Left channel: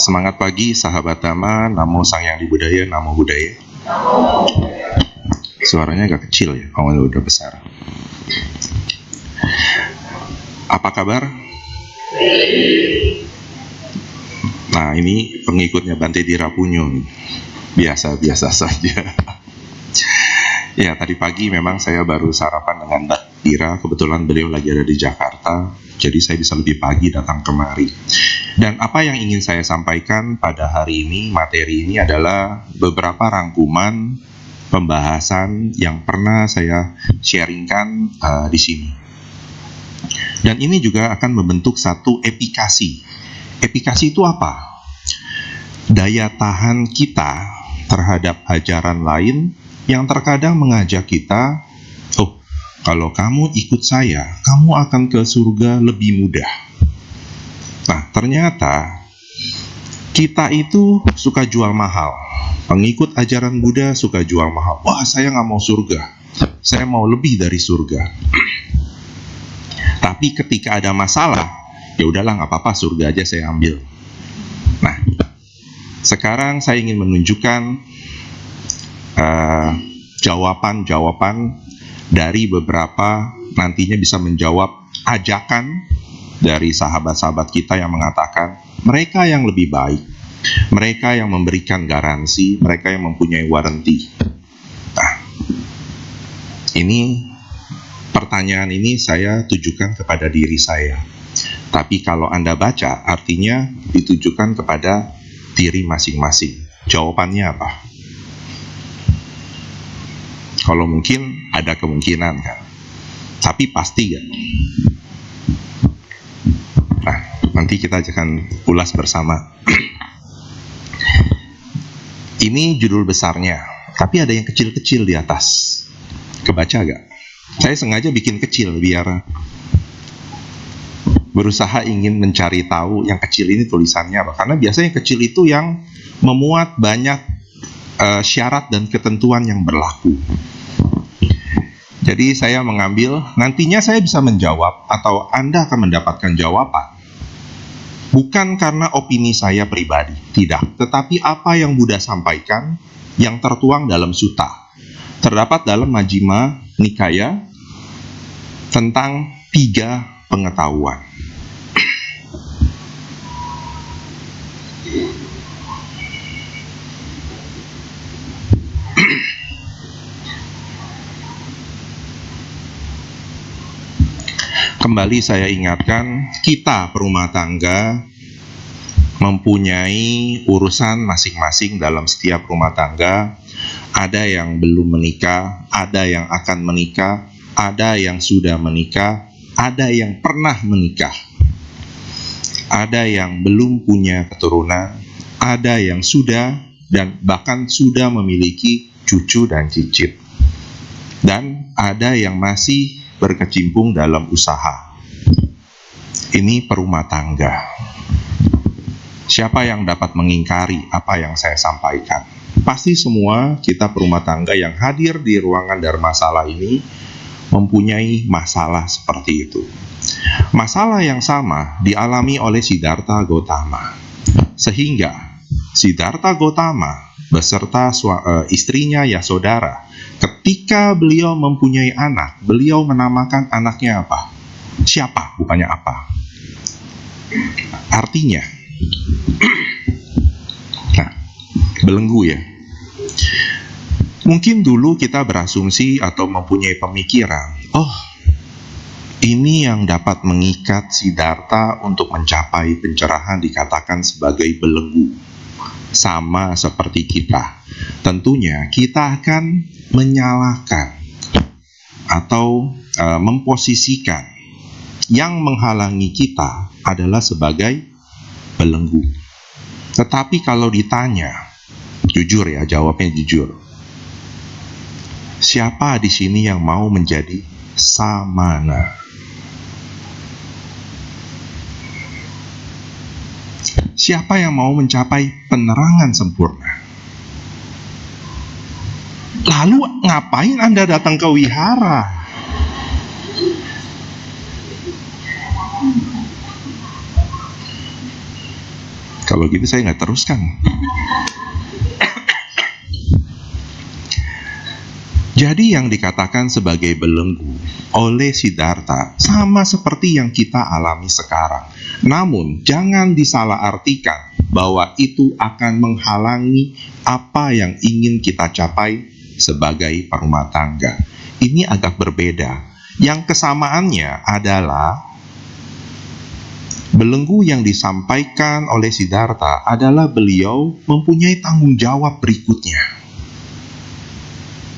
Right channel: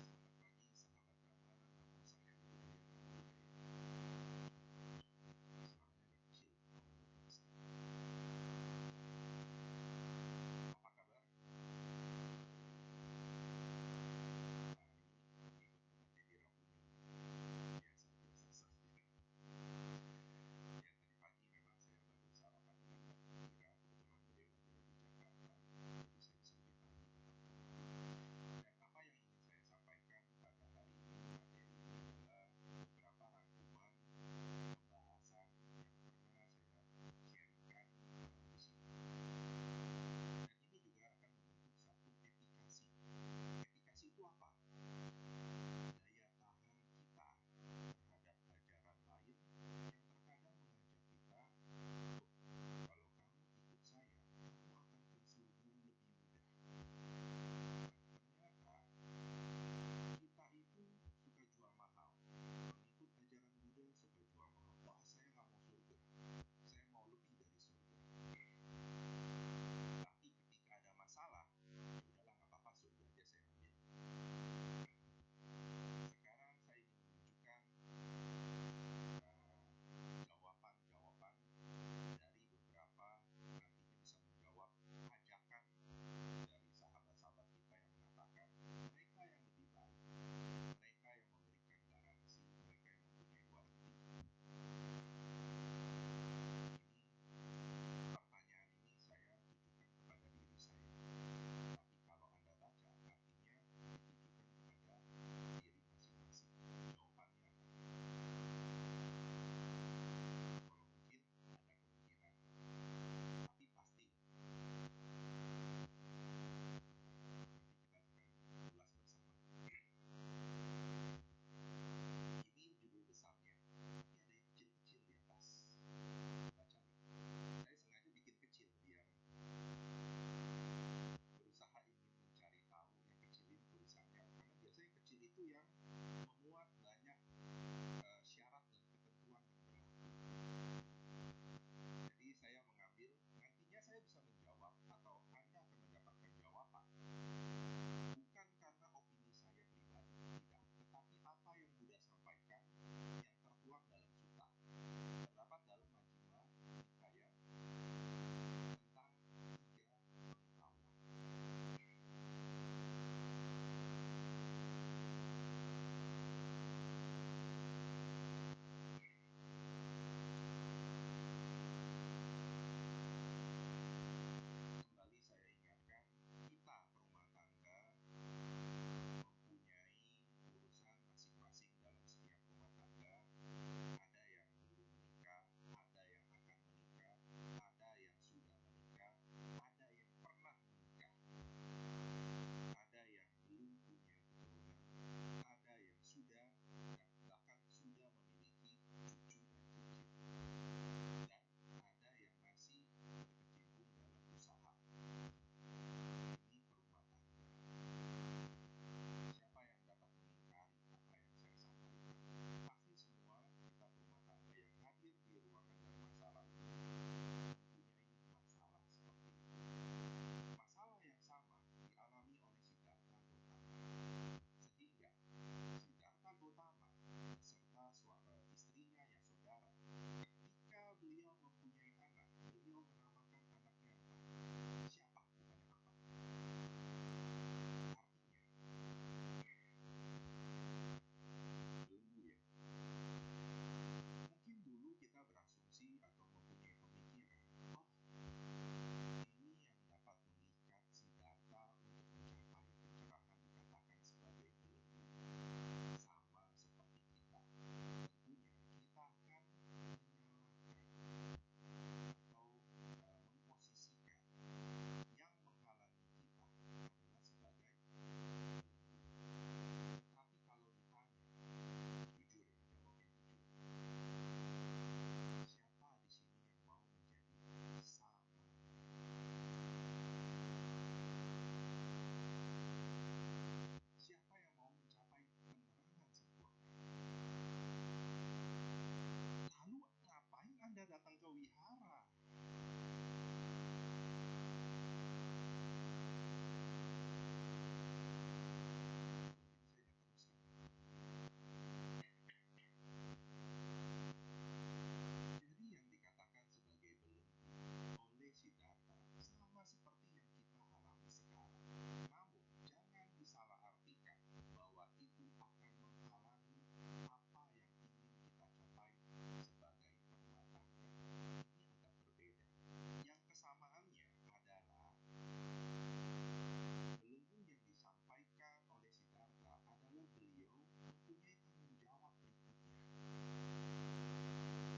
Semangat pagi sahabat Dhamma, Namo Sang Hyang Adibudaya, Namo Buddhaya. Suaranya agak kecil ya, kalau udah besar. Apa kabar? Nah, ini pengikutnya Bante Dirapunyo. Biasa-biasa saja. Ya, tadi pagi memang saya baru sarapan dengan Mbak Dira. Kebetulan beliau lagi ada di Jakarta, jadi saya bisa lebih pagi datang kemari. Dan apa yang ingin saya sampaikan pada hari ini, materi ini adalah beberapa rangkuman pembahasan yang pernah saya sharingkan di sini. Dan ini juga akan membentuk satu efikasi. Efikasi itu apa? Daya tahan kita terhadap ajaran lain yang terkadang mengajak kita, oh, kalau kamu ikut saya, kamu akan ke surga lebih mudah. Nah, ternyata kita itu suka jual mahal. Pengikut ajaran Buddha suka jual mahal. Wah, saya nggak mau surga. Saya mau lebih dari surga. Tapi ketika ada masalah, ya udahlah nggak apa-apa, surga aja saya ambil. Nah, sekarang saya ingin menunjukkan jawaban-jawaban dari beberapa, nantinya bisa menjawab ajakan dari sahabat-sahabat kita yang mengatakan mereka yang lebih baik, mereka yang memberikan garansi, mereka yang mempunyai warranty. Nah, ini pertanyaan ini saya tujukan kepada diri saya. Tapi kalau Anda baca, artinya ditujukan kepada diri masing-masing. Jawabannya apa? Kalau mungkin ada kemungkinan kan, tapi pasti kan? Nah, nanti kita akan ulas bersama. Ini judul besarnya, tapi ada yang kecil-kecil di atas. Kebaca gak? Saya sengaja bikin kecil biar berusaha ingin mencari tahu yang kecil ini tulisannya apa. Karena biasanya yang kecil itu yang memuat banyak syarat dan ketentuan yang berlaku. Jadi saya mengambil, nantinya saya bisa menjawab atau Anda akan mendapatkan jawaban. Bukan karena opini saya pribadi, tidak. Tetapi apa yang Buddha sampaikan yang tertuang dalam sutta. Terdapat dalam Majjhima Nikaya tentang 3 pengetahuan. Kembali saya ingatkan, kita perumah tangga mempunyai urusan masing-masing dalam setiap rumah tangga. Ada yang belum menikah, ada yang akan menikah, ada yang sudah menikah, ada yang pernah menikah, ada yang belum punya keturunan, ada yang sudah dan bahkan sudah memiliki cucu dan cicit, dan ada yang masih berkecimpung dalam usaha. Ini perumah tangga. Siapa yang dapat mengingkari apa yang saya sampaikan? Pasti semua kita perumah tangga yang hadir di ruangan Dharmasala ini mempunyai masalah seperti itu. Masalah yang sama dialami oleh Siddhartha Gautama. Sehingga Siddhartha Gautama beserta istrinya Yasodhara, ketika beliau mempunyai anak, beliau menamakan anaknya apa? Siapa, bukannya apa. Artinya, nah, belenggu ya. Mungkin dulu kita berasumsi atau mempunyai pemikiran, oh, ini yang dapat mengikat Siddhartha untuk mencapai pencerahan dikatakan sebagai belenggu. Sama seperti kita. Tentunya kita akan menyalahkan atau memposisikan yang menghalangi kita adalah sebagai belenggu. Tetapi kalau ditanya, jujur ya, jawabnya jujur. Siapa di sini yang mau menjadi samana? Siapa yang mau mencapai penerangan sempurna? Lalu ngapain Anda datang ke wihara? Kalau gitu saya nggak teruskan. Jadi yang dikatakan sebagai belenggu oleh Siddhartha sama seperti yang kita alami sekarang. Namun jangan disalahartikan bahwa itu akan menghalangi apa yang ingin kita capai sebagai perumah tangga. Ini agak berbeda. Yang kesamaannya adalah belenggu yang disampaikan oleh Siddhartha adalah beliau mempunyai tanggung jawab berikutnya.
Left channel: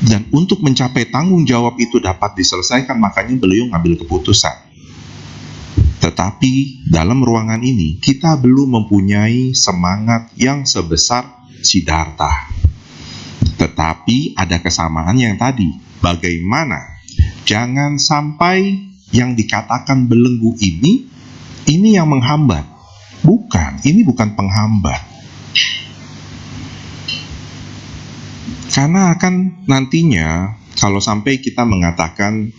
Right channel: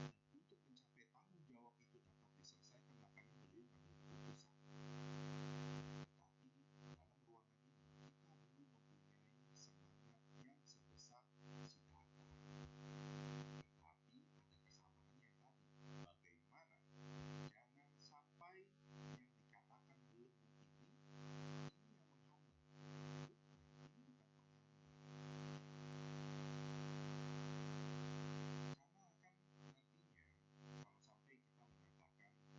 Dan untuk mencapai tanggung jawab itu dapat diselesaikan, makanya beliau ngambil keputusan. Tetapi dalam ruangan ini kita belum mempunyai semangat yang sebesar Siddhartha. Tetapi ada kesamaan yang tadi. Bagaimana? Jangan sampai yang dikatakan belenggu ini yang menghambat. Bukan, ini bukan penghambat. Karena akan nantinya kalau sampai kita mengatakan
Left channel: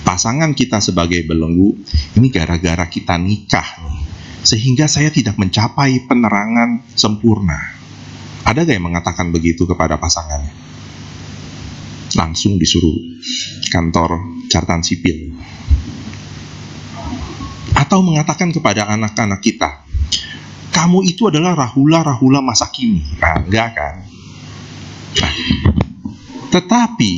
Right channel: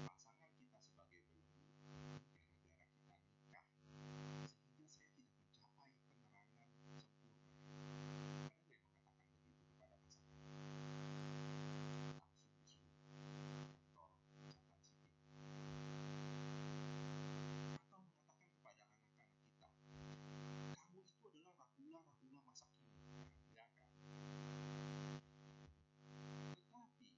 pasangan kita sebagai belenggu, ini gara-gara kita nikah nih, sehingga saya tidak mencapai penerangan sempurna. Ada gak yang mengatakan begitu kepada pasangannya? Langsung disuruh kantor catatan sipil. Atau mengatakan kepada anak-anak kita, kamu itu adalah Rahula masa kini. Nah, enggak kan? Nah, tetapi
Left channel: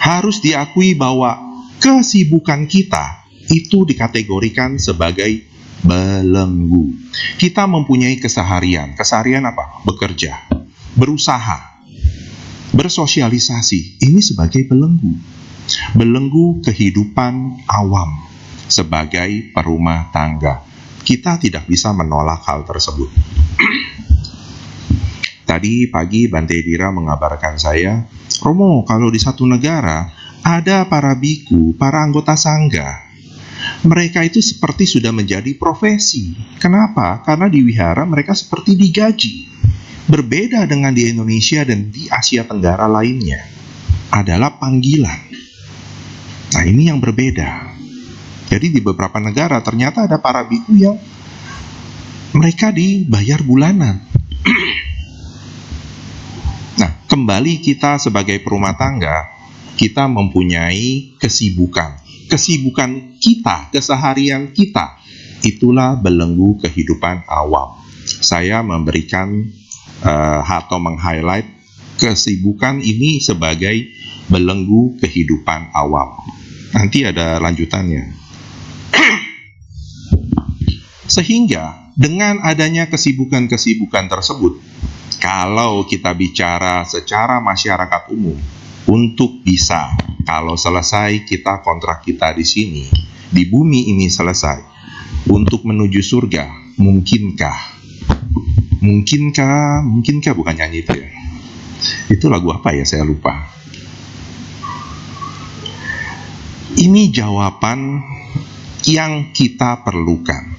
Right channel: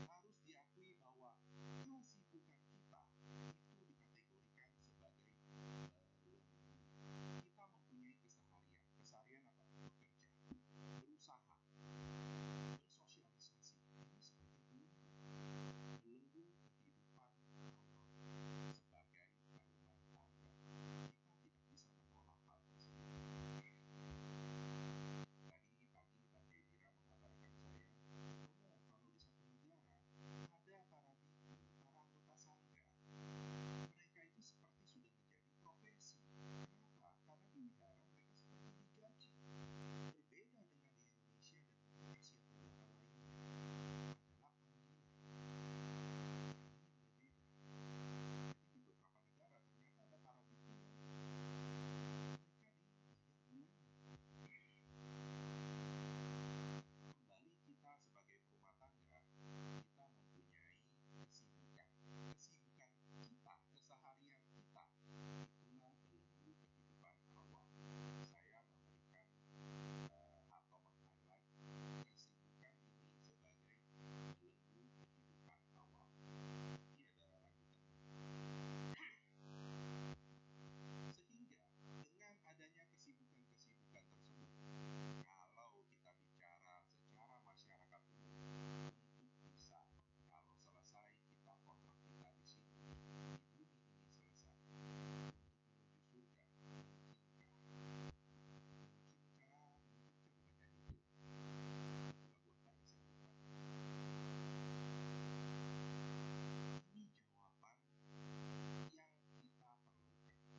harus diakui bahwa kesibukan kita itu dikategorikan sebagai belenggu. Kita mempunyai keseharian. Keseharian apa? Bekerja, berusaha, bersosialisasi. Ini sebagai belenggu. Belenggu kehidupan awam sebagai perumah tangga. Kita tidak bisa menolak hal tersebut. Tadi pagi Bante Dira mengabarkan saya, Romo, kalau di satu negara ada para biku, para anggota sangga. Mereka itu seperti sudah menjadi profesi. Kenapa? Karena di wihara mereka seperti digaji. Berbeda dengan di Indonesia dan di Asia Tenggara lainnya. Adalah panggilan. Nah, ini yang berbeda. Jadi di beberapa negara ternyata ada para biku yang mereka dibayar bulanan. Nah, kembali kita sebagai perumah tangga, kita mempunyai kesibukan. Kesibukan kita, keseharian kita, itulah belenggu kehidupan awam. Saya memberikan atau meng-highlight kesibukan ini sebagai belenggu kehidupan awam. Nanti ada lanjutannya. Sehingga dengan adanya kesibukan-kesibukan tersebut, kalau kita bicara secara masyarakat umum, untuk bisa, kalau selesai kita kontrak kita di sini, di bumi ini selesai, untuk menuju surga, mungkinkah? Mungkinkah bukan nyanyi itu ya? Itu lagu apa ya, saya lupa. Ini jawaban yang kita perlukan.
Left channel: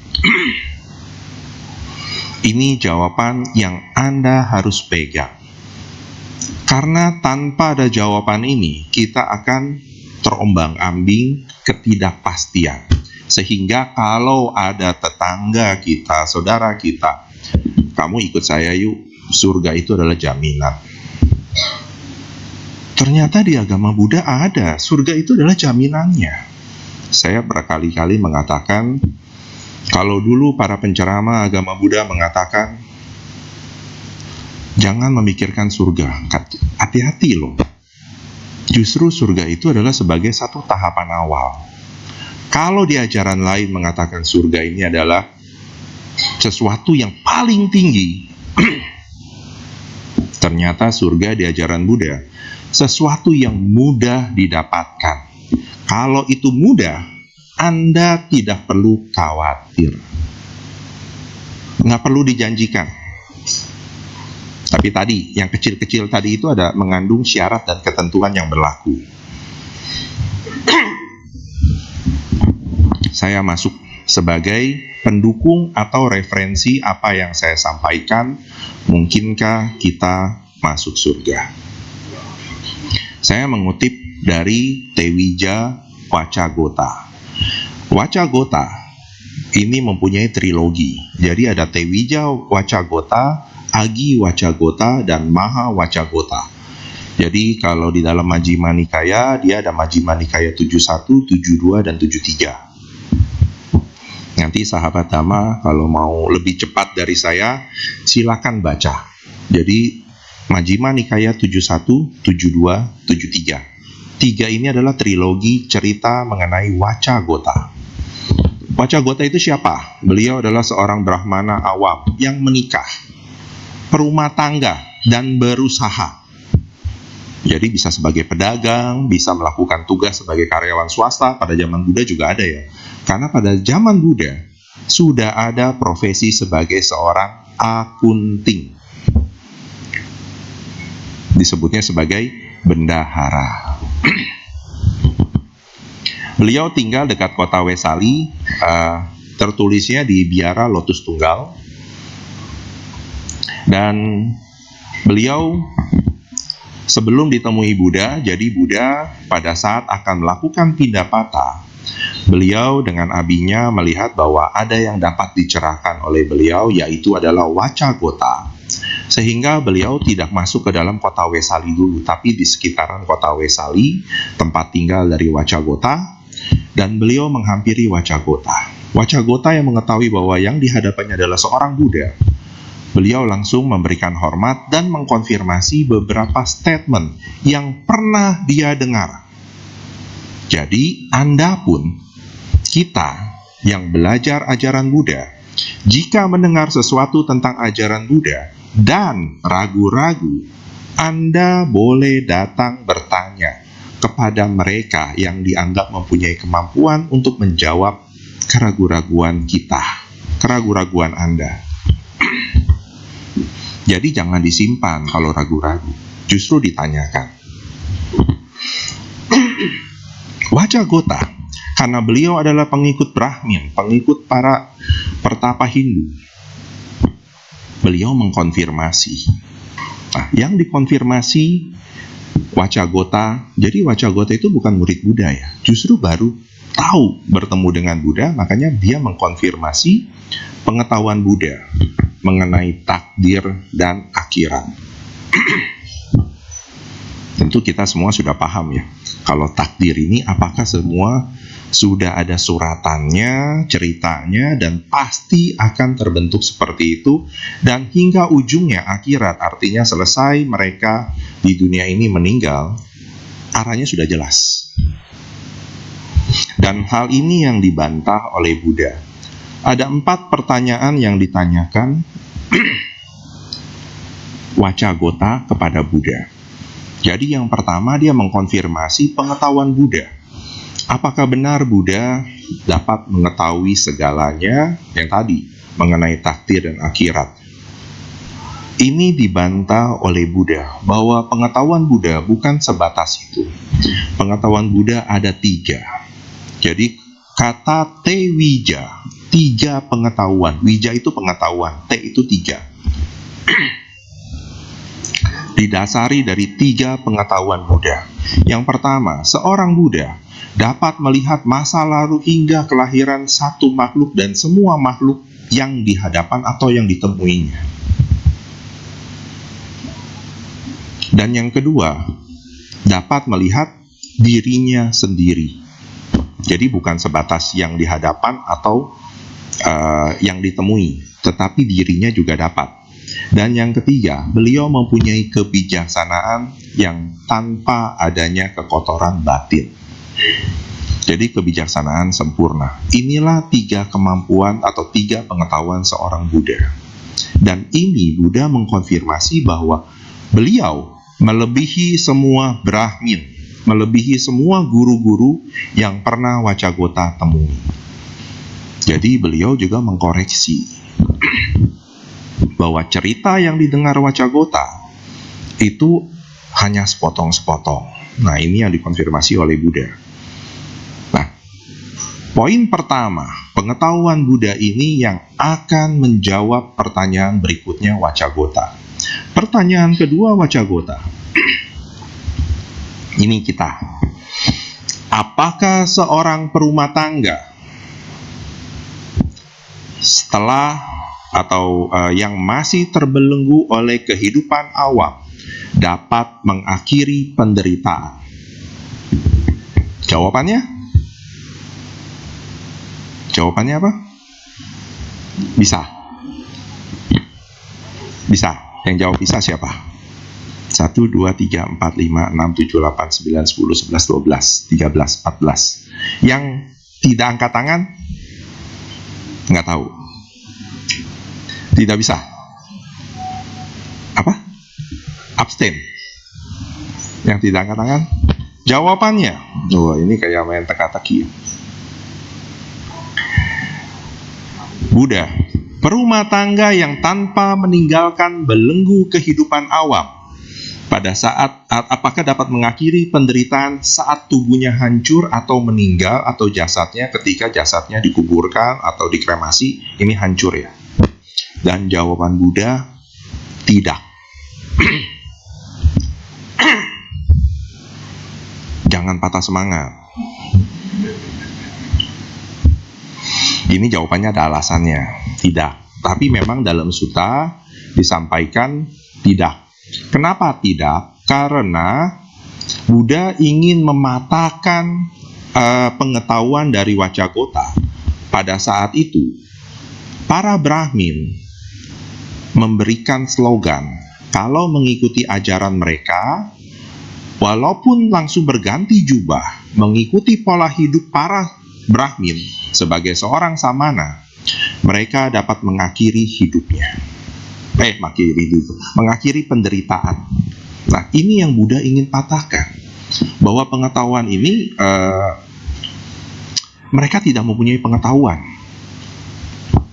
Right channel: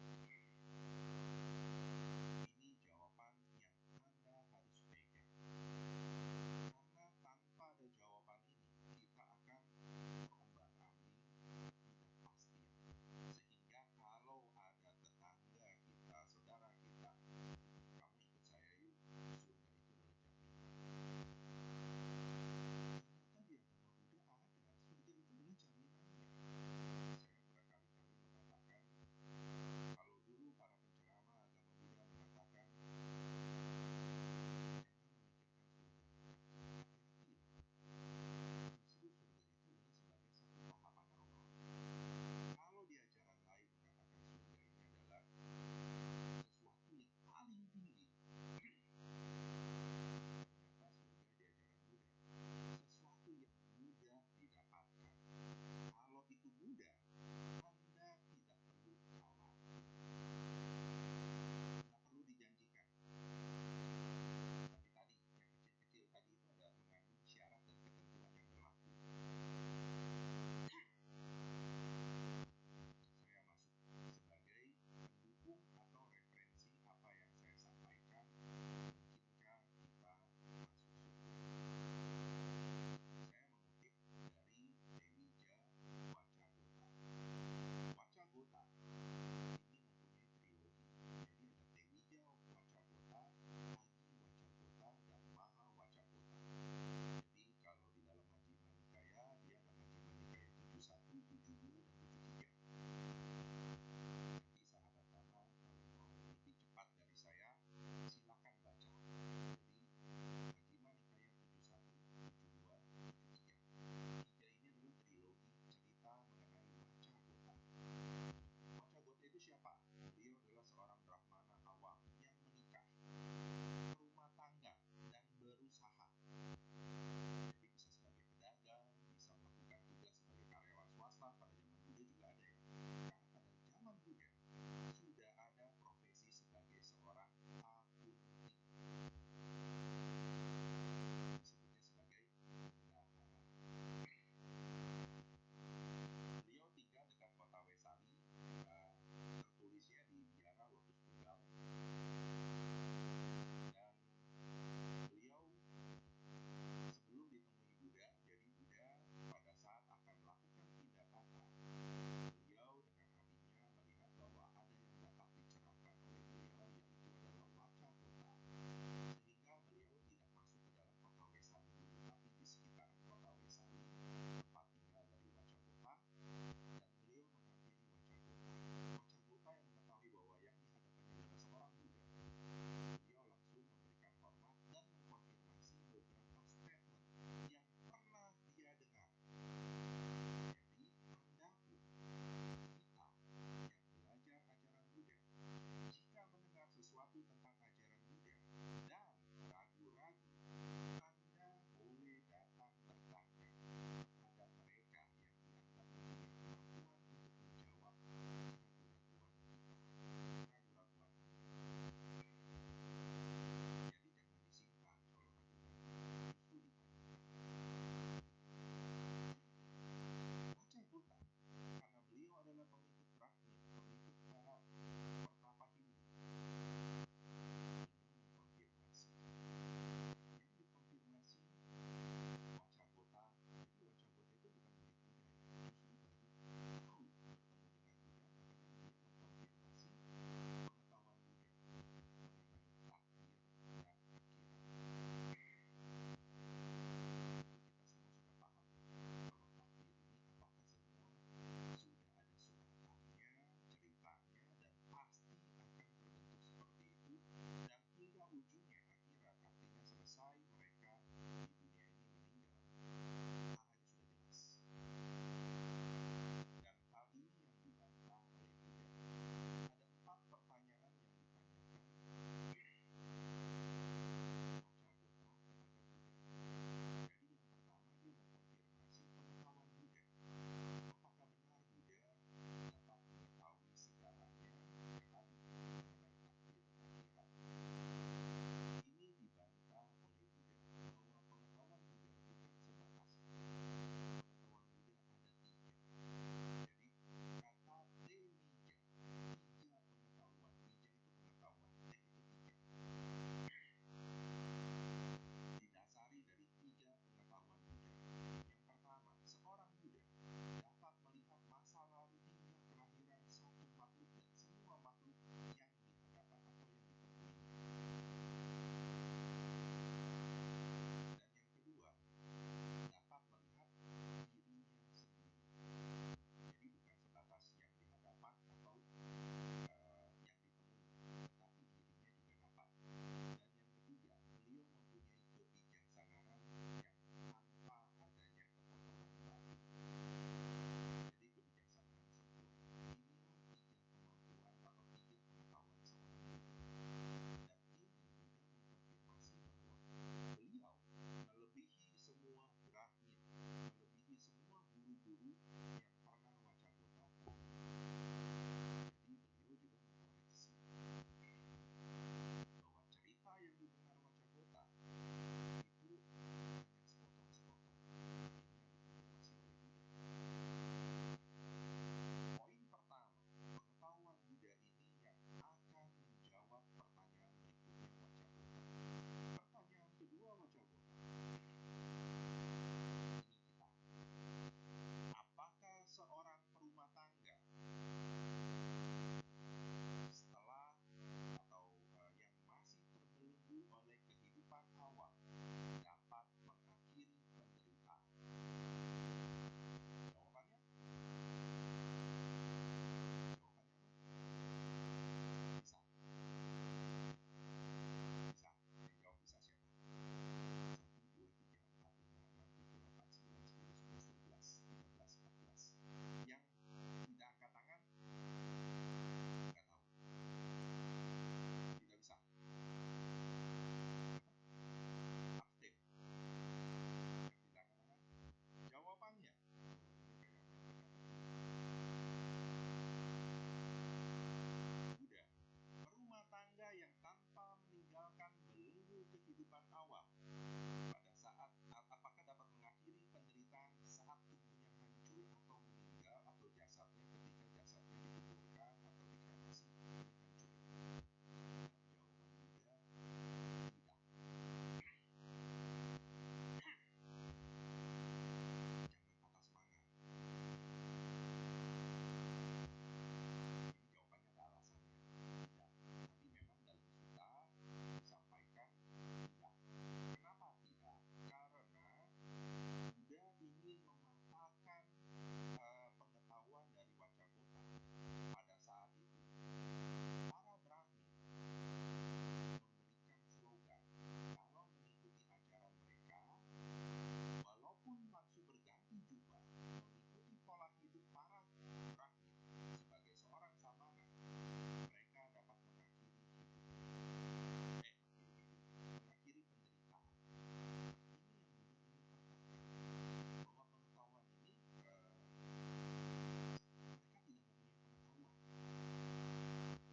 Ini jawaban yang Anda harus pegang. Karena tanpa ada jawaban ini, kita akan terombang-ambing ketidakpastian. Sehingga kalau ada tetangga kita, saudara kita, kamu ikut saya yuk, surga itu adalah jaminan. Ternyata di agama Buddha ada, surga itu adalah jaminannya. Saya berkali-kali mengatakan, kalau dulu para penceramah agama Buddha mengatakan, jangan memikirkan surga, hati-hati loh. Justru surga itu adalah sebagai satu tahapan awal. Kalau di ajaran lain mengatakan surga ini adalah sesuatu yang paling tinggi, ternyata surga di ajaran Buddha sesuatu yang mudah didapatkan. Kalau itu mudah, Anda tidak perlu khawatir. Nggak perlu dijanjikan. Tapi tadi, yang kecil-kecil tadi itu ada mengandung syarat dan ketentuan yang berlaku. Saya masuk sebagai pendukung atau referensi apa yang saya sampaikan. Mungkinkah kita masuk surga? Saya mengutip dari Tewija Wacagota. Wacagota ini mempunyai trilogi. Jadi ada Tewija Wacagota, Agi Wacagota, dan Maha Wacagota. Jadi kalau di dalam Majjhima Nikaya, dia ada Majjhima Nikaya 71, 72, dan 73. Nanti sahabat Dhamma kalau mau lebih cepat dari saya, silakan baca. Jadi Majjhima Nikaya 71, 72, 73. Tiga ini adalah trilogi cerita mengenai Wacagota. Wacagota itu siapa? Beliau adalah seorang Brahmana awam yang menikah, berumah tangga, dan berusaha. Jadi bisa sebagai pedagang, bisa melakukan tugas sebagai karyawan swasta. Pada zaman Buddha juga ada ya. Karena pada zaman Buddha sudah ada profesi sebagai seorang akunting. Disebutnya sebagai bendahara. Beliau tinggal dekat kota Wesali, tertulisnya di Biara Lotus Tunggal. Dan beliau sebelum ditemui Buddha, jadi Buddha pada saat akan melakukan pindapata, beliau dengan abinya melihat bahwa ada yang dapat dicerahkan oleh beliau, yaitu adalah Wacagota. Sehingga beliau tidak masuk ke dalam kota Wesali dulu, tapi di sekitaran kota Wesali, tempat tinggal dari Wacagota, dan beliau menghampiri Wacagota. Wacagota yang mengetahui bahwa yang dihadapannya adalah seorang Buddha, beliau langsung memberikan hormat dan mengkonfirmasi beberapa statement yang pernah dia dengar. Jadi, Anda pun, kita yang belajar ajaran Buddha, jika mendengar sesuatu tentang ajaran Buddha dan ragu-ragu, Anda boleh datang bertanya kepada mereka yang dianggap mempunyai kemampuan untuk menjawab keraguan-raguan kita, keraguan-raguan Anda. Jadi jangan disimpan kalau ragu-ragu, justru ditanyakan. Wacagota, karena beliau adalah pengikut Brahmin, pengikut para pertapa Hindu, beliau mengkonfirmasi. Nah, yang dikonfirmasi Wacagota, jadi Wacagota itu bukan murid Buddha ya, justru baru tahu bertemu dengan Buddha, makanya dia mengkonfirmasi pengetahuan Buddha mengenai takdir dan akhirat. Tentu kita semua sudah paham ya, kalau takdir ini apakah semua sudah ada suratannya, ceritanya, dan pasti akan terbentuk seperti itu, dan hingga ujungnya akhirat, artinya selesai mereka di dunia ini meninggal, arahnya sudah jelas. Dan hal ini yang dibantah oleh Buddha. Ada 4 pertanyaan yang ditanyakan Wacagota kepada Buddha. Jadi yang pertama dia mengkonfirmasi pengetahuan Buddha. Apakah benar Buddha dapat mengetahui segalanya yang tadi mengenai takdir dan akhirat? Ini dibantah oleh Buddha bahwa pengetahuan Buddha bukan sebatas itu. Pengetahuan Buddha ada 3. Jadi kata Tewija, 3 pengetahuan. Wija itu pengetahuan, T itu 3. Didasari dari 3 pengetahuan Buddha. Yang pertama, seorang Buddha dapat melihat masa lalu hingga kelahiran satu makhluk dan semua makhluk yang dihadapan atau yang ditemuinya. Dan yang kedua, dapat melihat dirinya sendiri. Jadi bukan sebatas yang dihadapan atau yang ditemui, tetapi dirinya juga dapat. Dan yang ketiga, beliau mempunyai kebijaksanaan yang tanpa adanya kekotoran batin. Jadi kebijaksanaan sempurna. Inilah 3 kemampuan atau 3 pengetahuan seorang Buddha. Dan ini Buddha mengkonfirmasi bahwa beliau melebihi semua Brahmin, melebihi semua guru-guru yang pernah Wacagota temui. Jadi beliau juga mengkoreksi bahwa cerita yang didengar Wacagota itu hanya sepotong-sepotong. Nah, ini yang dikonfirmasi oleh Buddha. Nah, poin pertama, pengetahuan Buddha ini yang akan menjawab pertanyaan berikutnya Wacagota. Pertanyaan kedua Wacagota. Ini kita. Apakah seorang perumah tangga setelah atau yang masih terbelenggu oleh kehidupan awam dapat mengakhiri penderitaan? Jawabannya? Jawabannya apa? Bisa. Bisa. Yang jawab bisa siapa? 1, 2, 3, 4, 5, 6, 7, 8, 9, 10, 11, 12, 13, 14. Yang tidak angkat tangan? Nggak tahu. Tidak bisa. Apa? Abstain. Yang tidak angkat tangan? Jawabannya, ini kayak main teka-teki. Buddha, perumah tangga yang tanpa meninggalkan belenggu kehidupan awam pada saat apakah dapat mengakhiri penderitaan saat tubuhnya hancur atau meninggal, atau jasadnya ketika jasadnya dikuburkan atau dikremasi ini hancur ya? Dan jawaban Buddha, tidak. Jangan patah semangat. Ini jawabannya ada alasannya, tidak. Tapi memang dalam sutta disampaikan tidak. Kenapa tidak? Karena Buddha ingin mematahkan pengetahuan dari Wacagota. Pada saat itu, para Brahmin memberikan slogan, kalau mengikuti ajaran mereka, walaupun langsung berganti jubah, mengikuti pola hidup para Brahmin sebagai seorang samana, mereka dapat mengakhiri hidupnya. Mengakhiri penderitaan. Nah, ini yang Buddha ingin patahkan, bahwa pengetahuan ini mereka tidak mempunyai pengetahuan.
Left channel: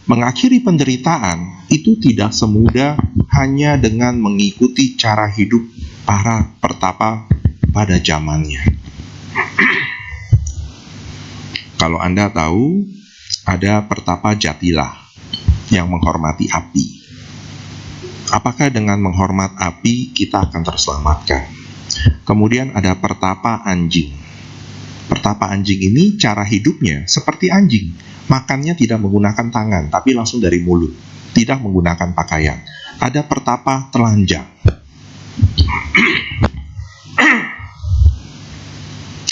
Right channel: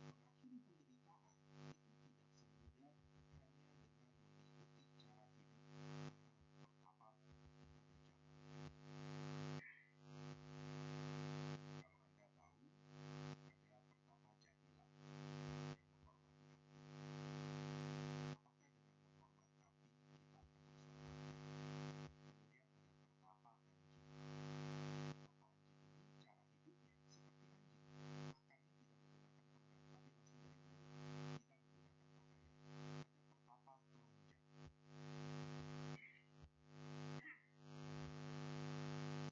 Mengakhiri penderitaan itu tidak semudah hanya dengan mengikuti cara hidup para pertapa pada zamannya. Kalau Anda tahu, ada pertapa Jatila yang menghormati api. Apakah dengan menghormat api kita akan terselamatkan? Kemudian ada pertapa anjing. Pertapa anjing ini cara hidupnya seperti anjing. Makannya tidak menggunakan tangan, tapi langsung dari mulut. Tidak menggunakan pakaian. Ada pertapa telanjang.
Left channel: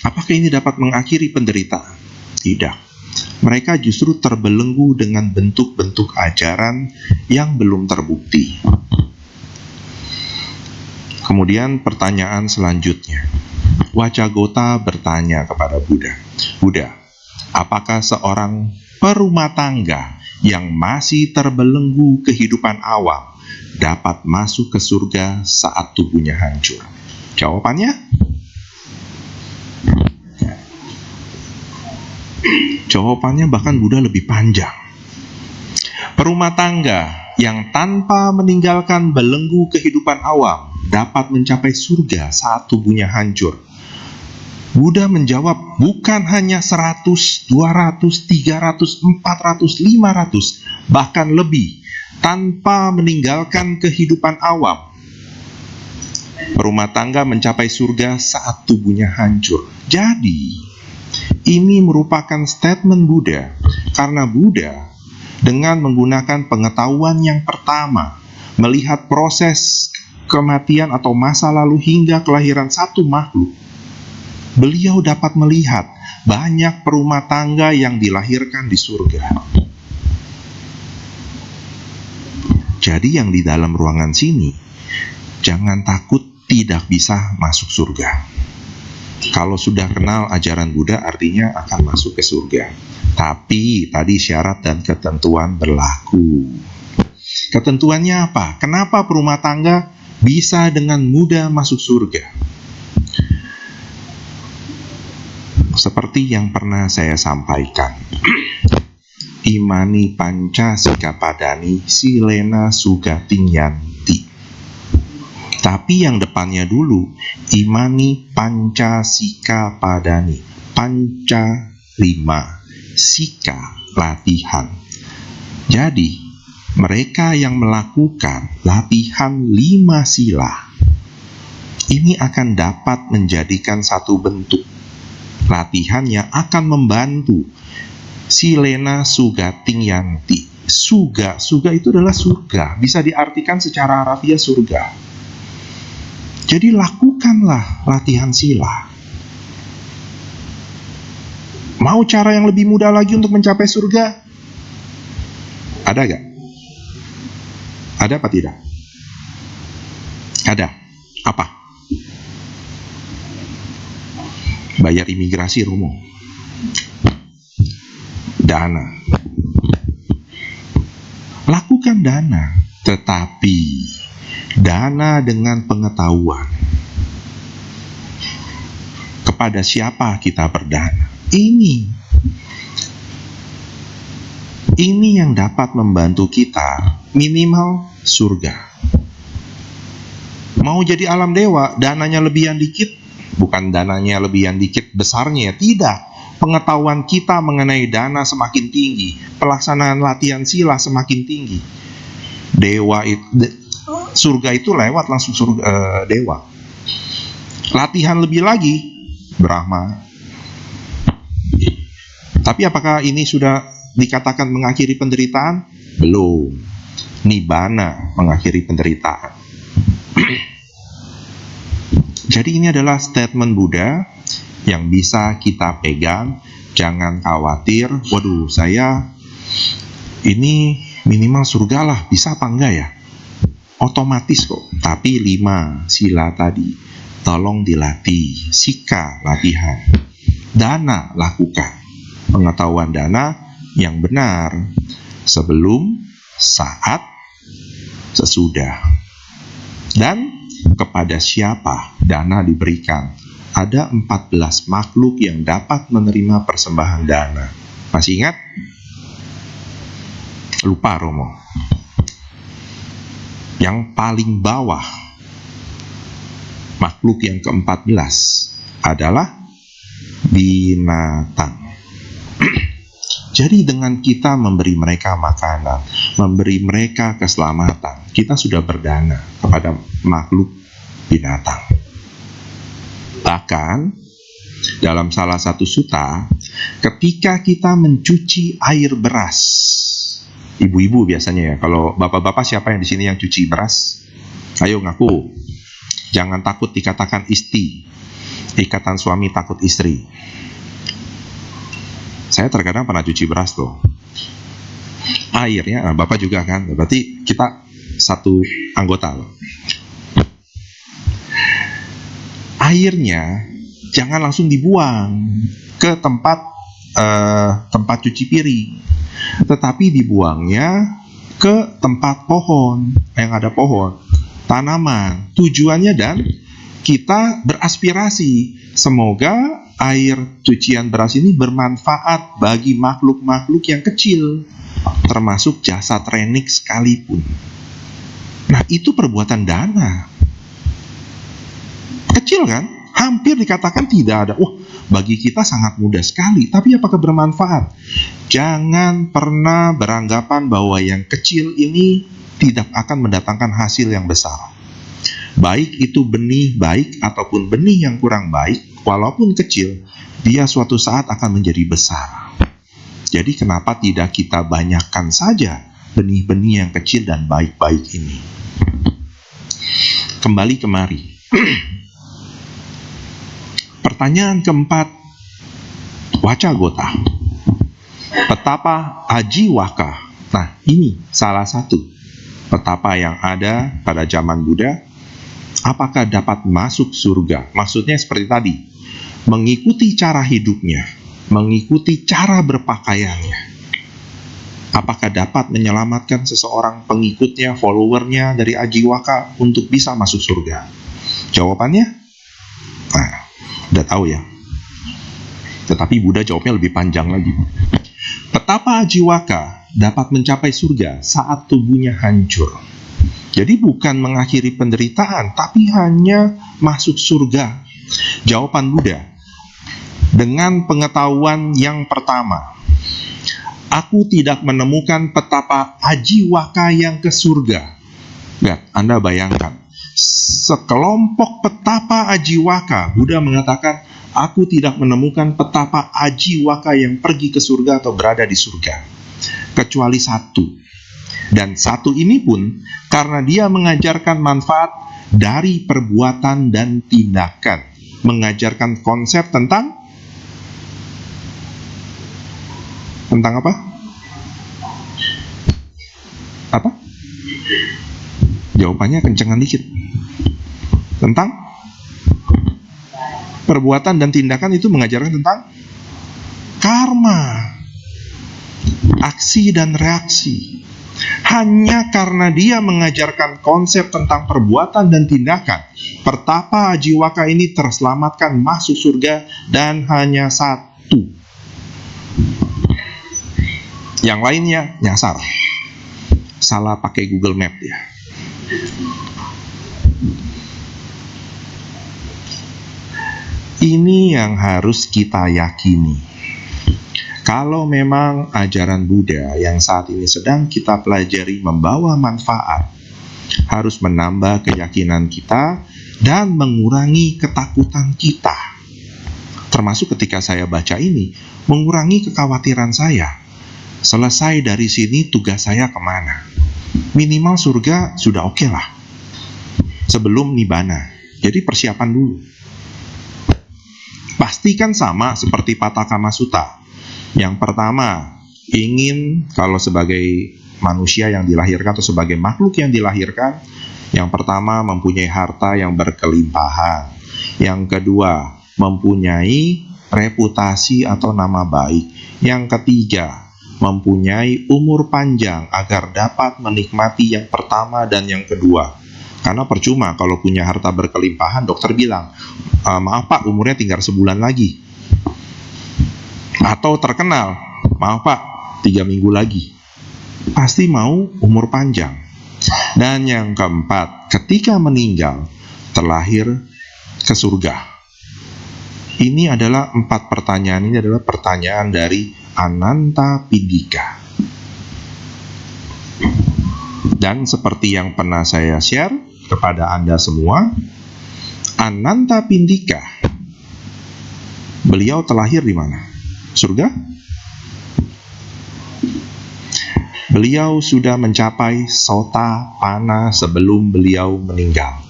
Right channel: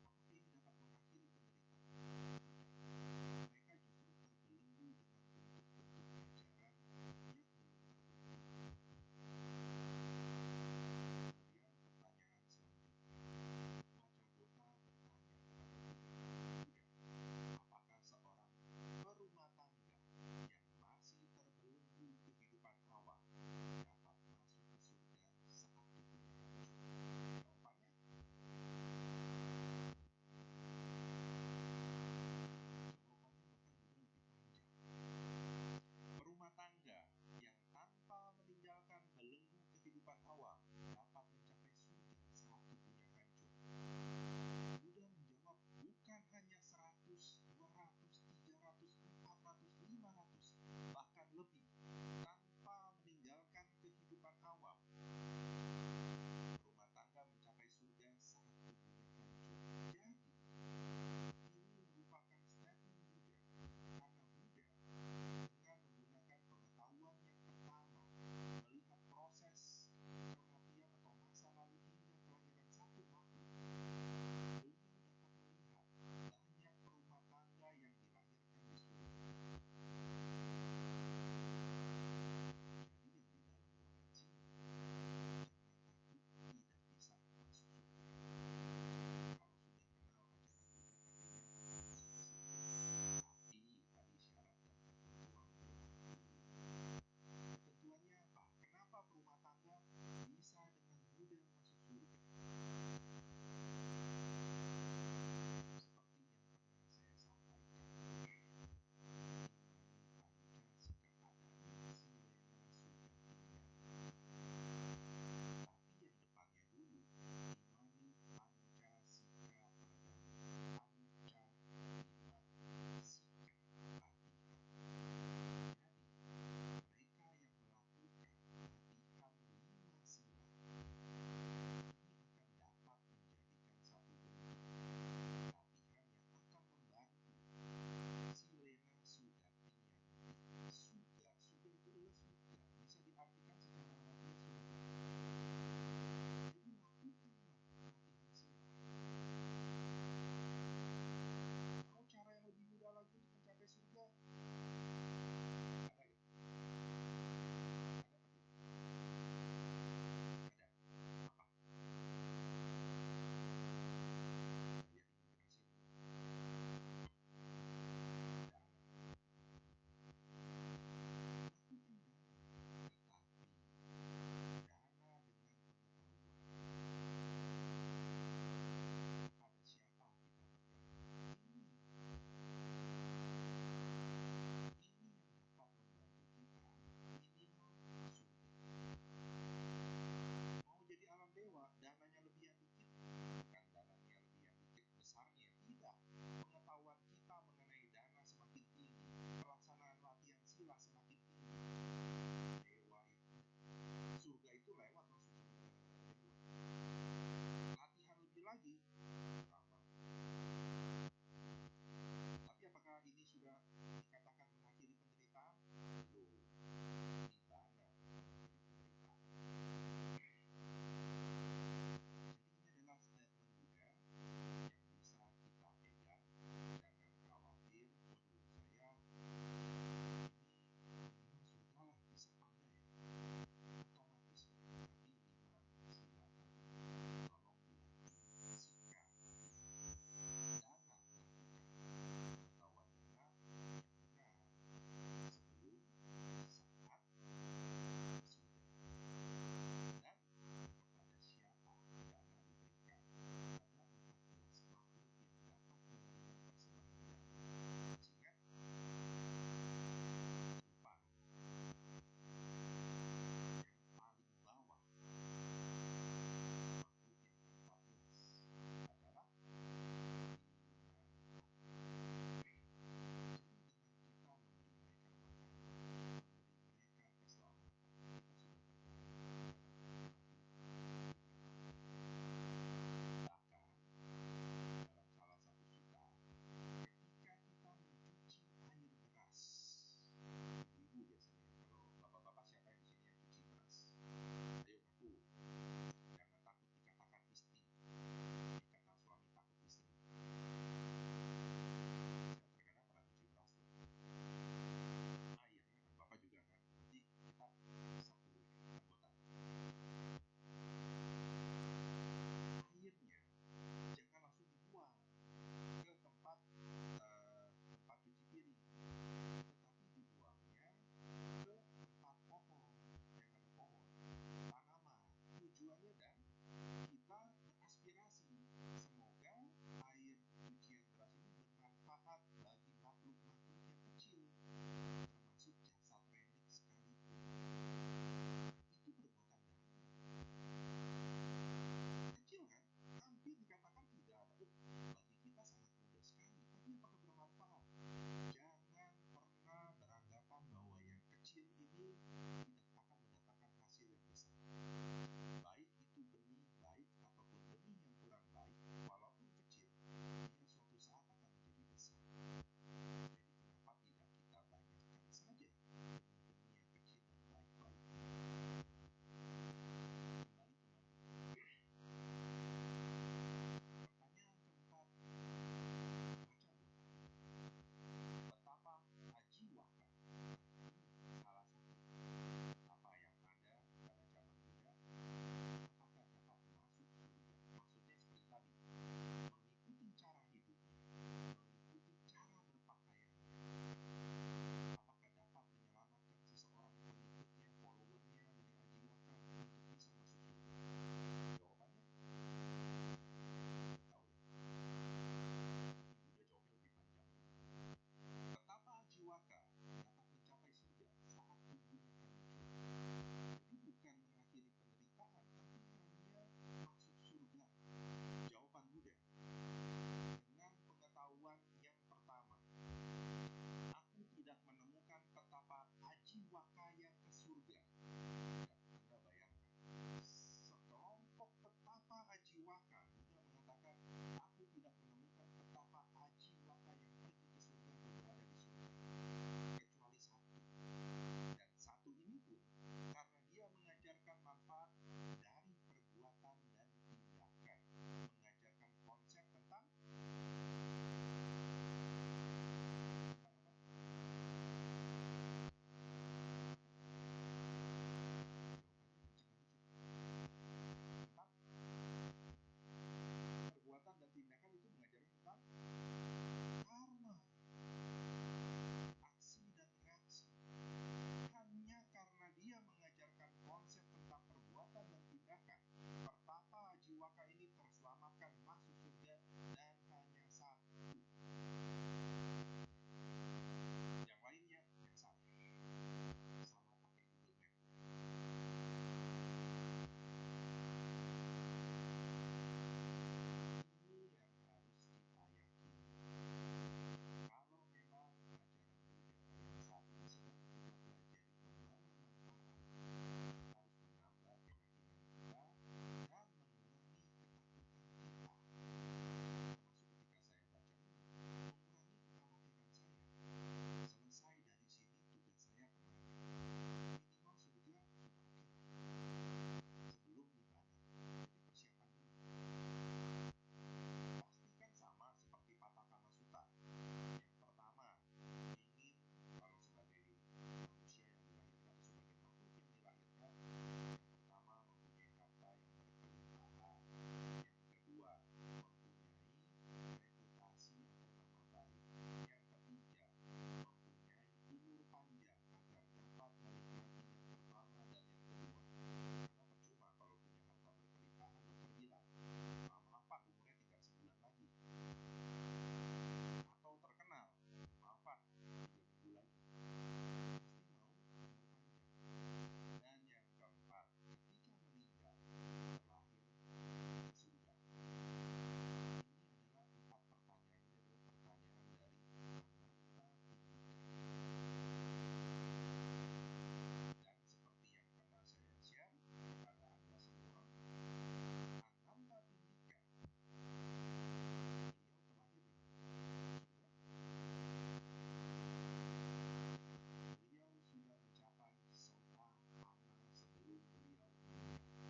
Apakah ini dapat mengakhiri penderitaan? Tidak. Mereka justru terbelenggu dengan bentuk-bentuk ajaran yang belum terbukti. Kemudian pertanyaan selanjutnya. Wacagota bertanya kepada Buddha, Buddha, apakah seorang perumah tangga yang masih terbelenggu kehidupan awam dapat masuk ke surga saat tubuhnya hancur? Jawabannya? Jawabannya bahkan Buddha lebih panjang. Perumah tangga yang tanpa meninggalkan belenggu kehidupan awam dapat mencapai surga saat tubuhnya hancur. Buddha menjawab, bukan hanya 100, 200, 300, 400, 500, bahkan lebih, tanpa meninggalkan kehidupan awam. Perumah tangga mencapai surga saat tubuhnya hancur. Jadi, ini merupakan statement Buddha, karena Buddha dengan menggunakan pengetahuan yang pertama, melihat proses kematian atau masa lalu hingga kelahiran satu makhluk, beliau dapat melihat banyak perumah tangga yang dilahirkan di surga. Jadi yang di dalam ruangan sini, jangan takut tidak bisa masuk surga. Kalau sudah kenal ajaran Buddha artinya akan masuk ke surga. Tapi tadi syarat dan ketentuan berlaku. Ketentuannya apa? Kenapa perumah tangga bisa dengan mudah masuk surga? Seperti yang pernah saya sampaikan. Imani panca sikapadani silena sugatingyanti. Tapi yang depannya dulu, imani panca sika padani. Panca 5, sika latihan. Jadi, mereka yang melakukan latihan 5 sila, ini akan dapat menjadikan satu bentuk latihan yang akan membantu silena sugatingyanti, Suga itu adalah surga, bisa diartikan secara harafiah surga. Jadi lakukanlah latihan sila. Mau cara yang lebih mudah lagi untuk mencapai surga? Ada gak? Ada apa tidak? Ada. Apa? Bayar imigrasi, Romo. Dana. Lakukan dana, tetapi dana dengan pengetahuan. Kepada siapa kita berdana? Ini yang dapat membantu kita minimal surga. Mau jadi alam dewa, dananya lebihan dikit, bukan dananya lebihan dikit besarnya, tidak. Pengetahuan kita mengenai dana semakin tinggi, pelaksanaan latihan sila semakin tinggi. Surga itu lewat langsung surga, dewa. Latihan lebih lagi, Brahma. Tapi apakah ini sudah dikatakan mengakhiri penderitaan? Belum. Nibbana mengakhiri penderitaan. Jadi ini adalah statement Buddha yang bisa kita pegang. Jangan khawatir, waduh saya ini minimal surga lah, bisa apa enggak ya? Otomatis kok. Tapi 5 sila tadi tolong dilatih. Sika latihan, dana lakukan. Pengetahuan dana yang benar sebelum, saat, sesudah. Dan kepada siapa dana diberikan? Ada 14 makhluk yang dapat menerima persembahan dana. Masih ingat? Lupa, Romo. Yang paling bawah, makhluk yang ke-14 adalah binatang. Jadi dengan kita memberi mereka makanan, memberi mereka keselamatan, kita sudah berdana kepada makhluk binatang. Bahkan dalam salah satu sutta, ketika kita mencuci air beras, ibu-ibu biasanya ya, kalau bapak-bapak siapa yang di sini yang cuci beras? Ayo ngaku. Jangan takut dikatakan isti. Ikatan suami takut istri. Saya terkadang pernah cuci beras tuh. Airnya, Bapak juga kan? Berarti kita satu anggota loh. Airnya jangan langsung dibuang ke tempat cuci piring, tetapi dibuangnya ke tempat pohon, yang ada pohon, tanaman. Tujuannya dan kita beraspirasi semoga air cucian beras ini bermanfaat bagi makhluk-makhluk yang kecil, termasuk jasad renik sekalipun. Nah, itu perbuatan dana. Kecil kan? Hampir dikatakan tidak ada. Bagi kita sangat mudah sekali. Tapi apakah bermanfaat? Jangan pernah beranggapan bahwa yang kecil ini tidak akan mendatangkan hasil yang besar. Baik itu benih baik ataupun benih yang kurang baik, walaupun kecil, dia suatu saat akan menjadi besar. Jadi kenapa tidak kita banyakkan saja benih-benih yang kecil dan baik-baik ini? Kembali kemari. Pertanyaan keempat, Wacagota. Petapa Ajiwaka. Nah, ini salah satu petapa yang ada pada zaman Buddha. Apakah dapat masuk surga? Maksudnya seperti tadi, mengikuti cara hidupnya, mengikuti cara berpakaiannya. Apakah dapat menyelamatkan seseorang pengikutnya, followernya dari Ajiwaka untuk bisa masuk surga? Jawabannya? Nah, udah tahu ya. Tetapi Buddha jawabnya lebih panjang lagi. Petapa Ajiwaka dapat mencapai surga saat tubuhnya hancur. Jadi bukan mengakhiri penderitaan, tapi hanya masuk surga. Jawaban Buddha, dengan pengetahuan yang pertama, aku tidak menemukan petapa Ajiwaka yang ke surga. Lihat, Anda bayangkan, sekelompok petapa Ajiwaka, Buddha mengatakan, aku tidak menemukan petapa Ajiwaka yang pergi ke surga atau berada di surga. kecuali satu. Dan satu ini pun karena dia mengajarkan manfaat dari perbuatan dan tindakan, mengajarkan konsep tentang apa? Apa? Jawabannya kencengan dikit. Tentang perbuatan dan tindakan itu mengajarkan tentang karma, aksi dan reaksi. Hanya karena dia mengajarkan konsep tentang perbuatan dan tindakan, Pertapa Ajiwaka ini terselamatkan masuk surga, dan hanya satu. Yang lainnya nyasar, salah pakai Google Map ya. Ini yang harus kita yakini. Kalau memang ajaran Buddha yang saat ini sedang kita pelajari membawa manfaat, harus menambah keyakinan kita dan mengurangi ketakutan kita. Termasuk ketika saya baca ini, mengurangi kekhawatiran saya. Selesai dari sini, tugas saya kemana? Minimal surga sudah oke lah. Sebelum nibbana. Jadi persiapan dulu. Pastikan sama seperti Pathakama Sutta. Yang pertama, ingin kalau sebagai manusia yang dilahirkan atau sebagai makhluk yang dilahirkan, yang pertama mempunyai harta yang berkelimpahan. Yang kedua, mempunyai reputasi atau nama baik. Yang ketiga, mempunyai umur panjang agar dapat menikmati yang pertama dan yang kedua. Karena percuma kalau punya harta berkelimpahan, dokter bilang, maaf Pak, umurnya tinggal sebulan lagi. Atau terkenal, maaf Pak, 3 minggu lagi. Pasti mau umur panjang. Dan yang keempat, ketika meninggal, terlahir ke surga. Ini adalah 4 pertanyaan. Ini adalah pertanyaan dari Anantapindika. Dan seperti yang pernah saya share kepada Anda semua, Anantapindika, beliau terlahir di mana? Surga? Beliau sudah mencapai Sotapanna sebelum beliau meninggal.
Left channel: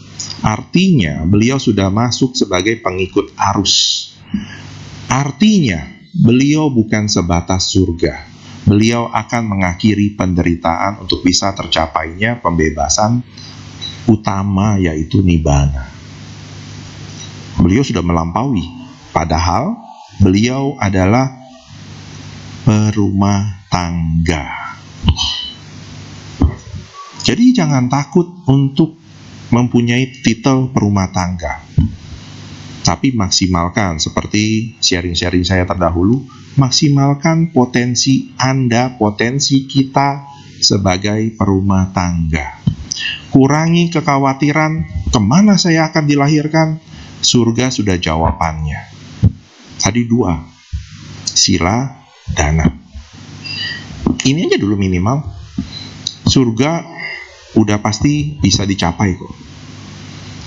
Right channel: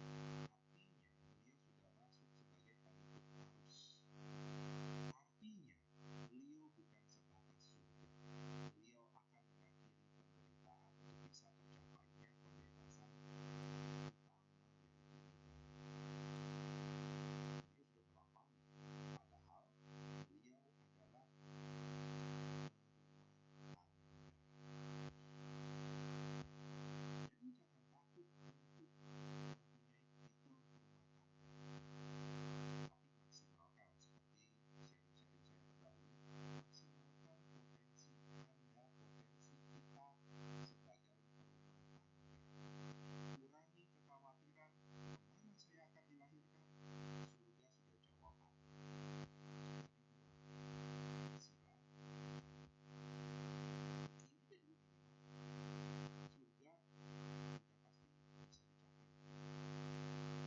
Artinya beliau sudah masuk sebagai pengikut arus. Artinya beliau bukan sebatas surga. Beliau akan mengakhiri penderitaan untuk bisa tercapainya pembebasan utama, yaitu nibbana. Beliau sudah melampaui, padahal beliau adalah perumah tangga. Jadi jangan takut untuk mempunyai titel perumah tangga. Tapi maksimalkan, seperti sharing-sharing saya terdahulu, maksimalkan potensi Anda, potensi kita sebagai perumah tangga. Kurangi kekhawatiran, kemana saya akan dilahirkan? Surga sudah jawabannya. Tadi 2, sila, dana. Ini aja dulu minimal. Surga udah pasti bisa dicapai kok.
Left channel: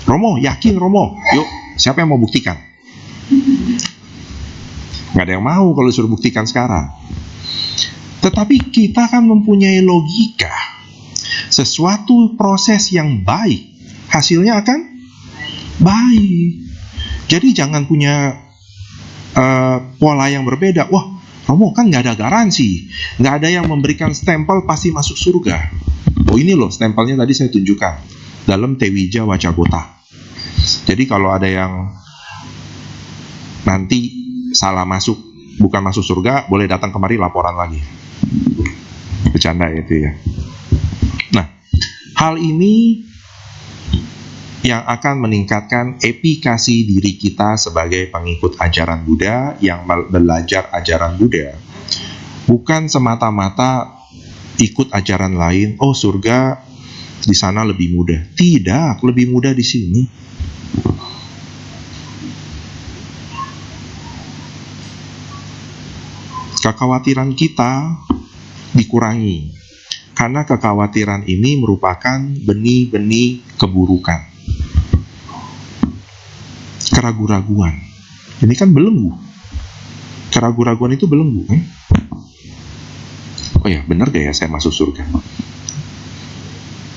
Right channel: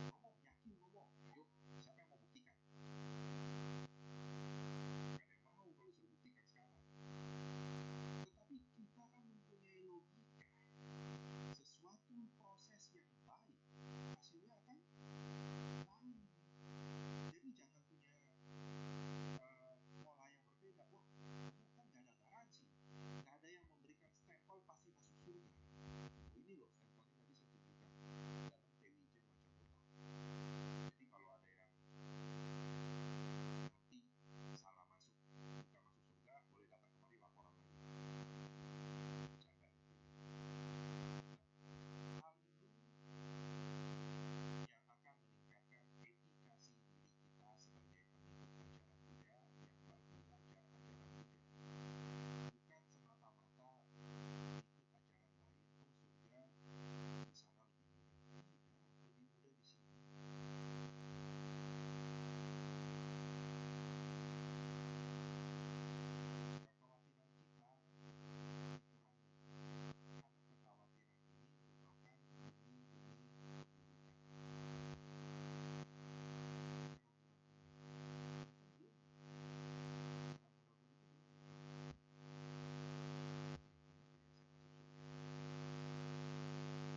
Romo, yakin Romo? Yuk, siapa yang mau buktikan? Gak ada yang mau kalau disuruh buktikan sekarang. Tetapi kita kan mempunyai logika. Sesuatu proses yang baik, hasilnya akan baik. Jadi jangan punya pola yang berbeda. Wah, Romo kan gak ada garansi, gak ada yang memberikan stempel pasti masuk surga. Oh ini loh stempelnya tadi saya tunjukkan dalam Tewija Wacagota. Jadi kalau ada yang nanti salah masuk, bukan masuk surga, boleh datang kemari laporan lagi. Bercanda itu ya. Nah, hal ini yang akan meningkatkan efikasi diri kita sebagai pengikut ajaran Buddha yang belajar ajaran Buddha. Bukan semata-mata ikut ajaran lain, oh surga di sana lebih mudah. Tidak, lebih mudah di sini. Kekhawatiran kita dikurangi, karena kekhawatiran ini merupakan benih-benih keburukan. Keraguan-raguan, ini kan belenggu. Keraguan-raguan itu belenggu, Oh ya, benar gak ya saya masuk surga?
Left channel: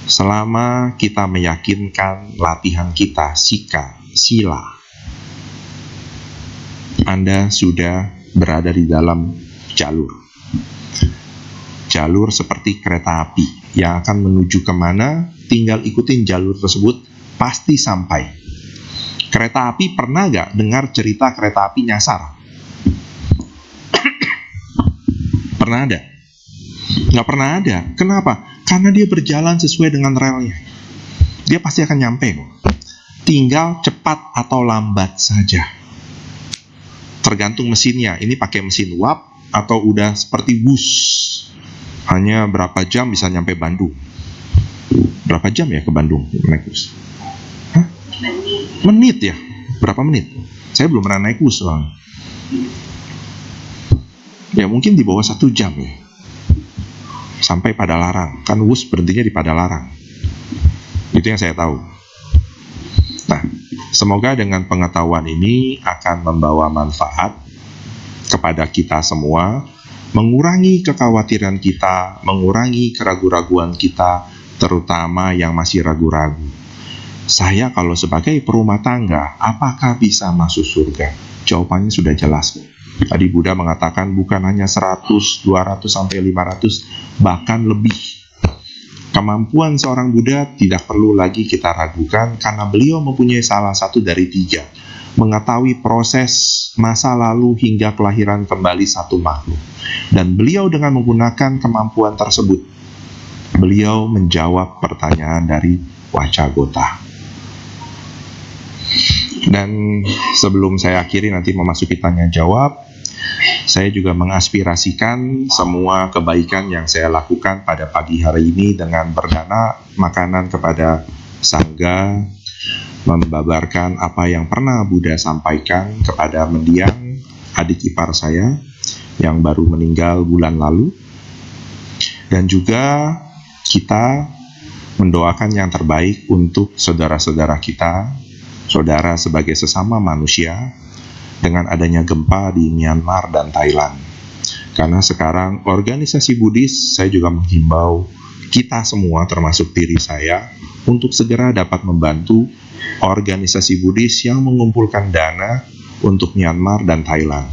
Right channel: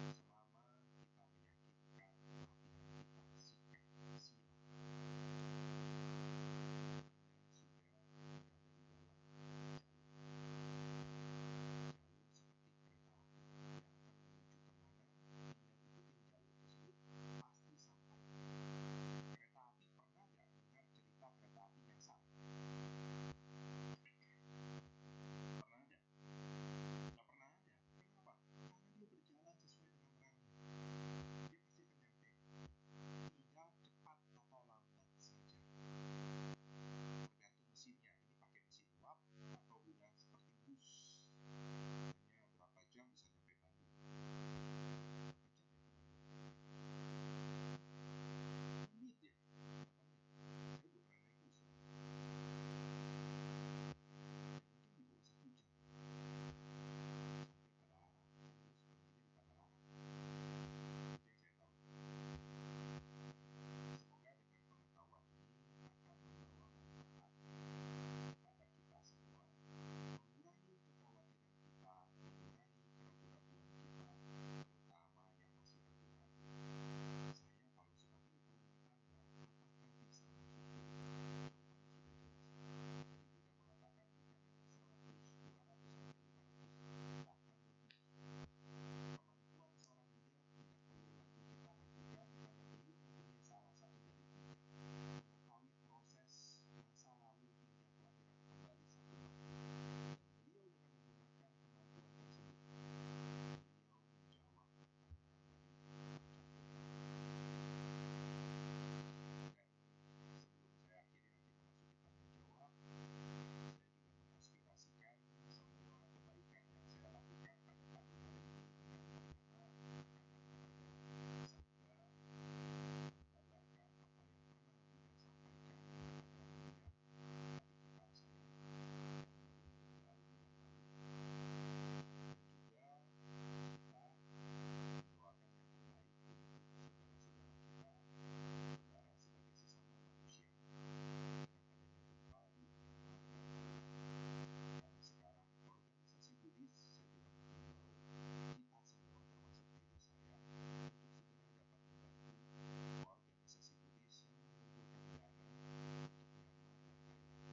Selama kita meyakinkan latihan kita, sila, Anda sudah berada di dalam jalur. Jalur seperti kereta api yang akan menuju kemana, tinggal ikutin jalur tersebut, pasti sampai. Kereta api pernah gak dengar cerita kereta api nyasar? Pernah ada? Nggak pernah ada. Kenapa? Karena dia berjalan sesuai dengan relnya. Dia pasti akan nyampe kok. Tinggal cepat atau lambat saja. Tergantung mesinnya. Ini pakai mesin uap atau udah seperti bus. Hanya berapa jam bisa nyampe Bandung? Berapa jam ya ke Bandung naik bus? Hah? Menit ya? Berapa menit? Saya belum pernah naik bus bang. Ya mungkin di bawah 1 jam ya. Sampai Padalarang. Kan bus berhentinya di Padalarang. Itu yang saya tahu. Nah, semoga dengan pengetahuan ini akan membawa manfaat kepada kita semua, mengurangi kekhawatiran kita, mengurangi keraguan-raguan kita, terutama yang masih ragu-ragu. Saya kalau sebagai perumah tangga, apakah bisa masuk surga? Jawabannya sudah jelas. Tadi Buddha mengatakan bukan hanya 100, 200, sampai 500, bahkan lebih. Kemampuan seorang Buddha tidak perlu lagi kita ragukan karena beliau mempunyai salah satu dari 3. Mengetahui proses masa lalu hingga kelahiran kembali satu makhluk. Dan beliau dengan menggunakan kemampuan tersebut, beliau menjawab pertanyaan dari Wacagota. Dan sebelum saya akhiri nanti memasuki tanya jawab, saya juga mengaspirasikan semua kebaikan yang saya lakukan pada pagi hari ini dengan berdana makanan kepada Sangga, membabarkan apa yang pernah Buddha sampaikan kepada mendiang, adik ipar saya yang baru meninggal bulan lalu. Dan juga kita mendoakan yang terbaik untuk saudara-saudara kita, saudara sebagai sesama manusia, dengan adanya gempa di Myanmar dan Thailand. Karena sekarang organisasi Buddhis, saya juga menghimbau kita semua termasuk diri saya untuk segera dapat membantu organisasi Buddhis yang mengumpulkan dana untuk Myanmar dan Thailand.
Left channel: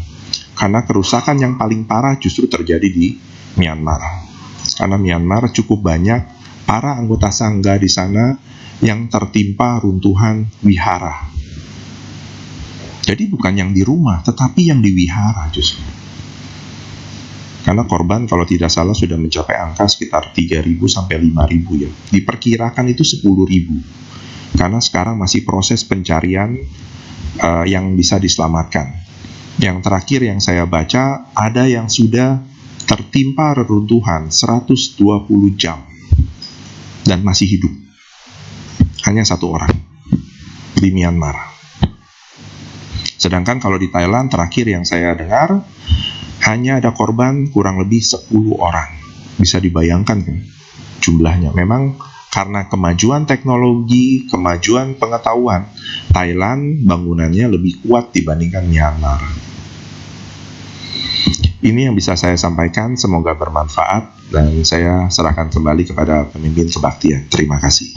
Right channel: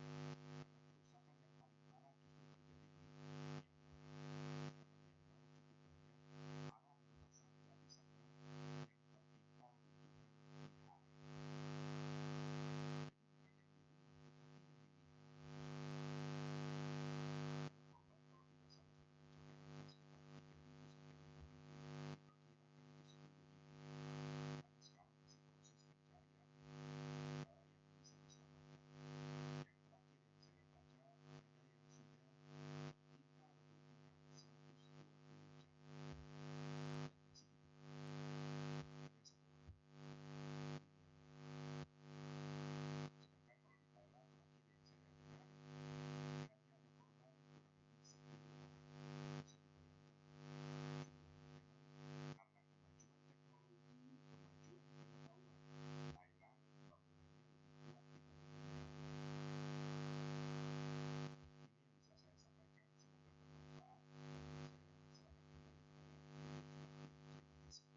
Karena kerusakan yang paling parah justru terjadi di Myanmar. Karena Myanmar cukup banyak para anggota Sangga di sana yang tertimpa runtuhan wihara. Jadi bukan yang di rumah, tetapi yang di wihara justru. Karena korban kalau tidak salah sudah mencapai angka sekitar 3.000 sampai 5.000 ya. Diperkirakan itu 10.000. Karena sekarang masih proses pencarian yang bisa diselamatkan. Yang terakhir yang saya baca, ada yang sudah tertimpa reruntuhan 120 jam dan masih hidup. Hanya 1 orang di Myanmar. Sedangkan kalau di Thailand terakhir yang saya dengar, hanya ada korban kurang lebih 10 orang. Bisa dibayangkan kan jumlahnya. Memang karena kemajuan teknologi, kemajuan pengetahuan, Thailand bangunannya lebih kuat dibandingkan Myanmar. Ini yang bisa saya sampaikan, semoga bermanfaat, dan saya serahkan kembali kepada pemimpin kebaktian. Terima kasih.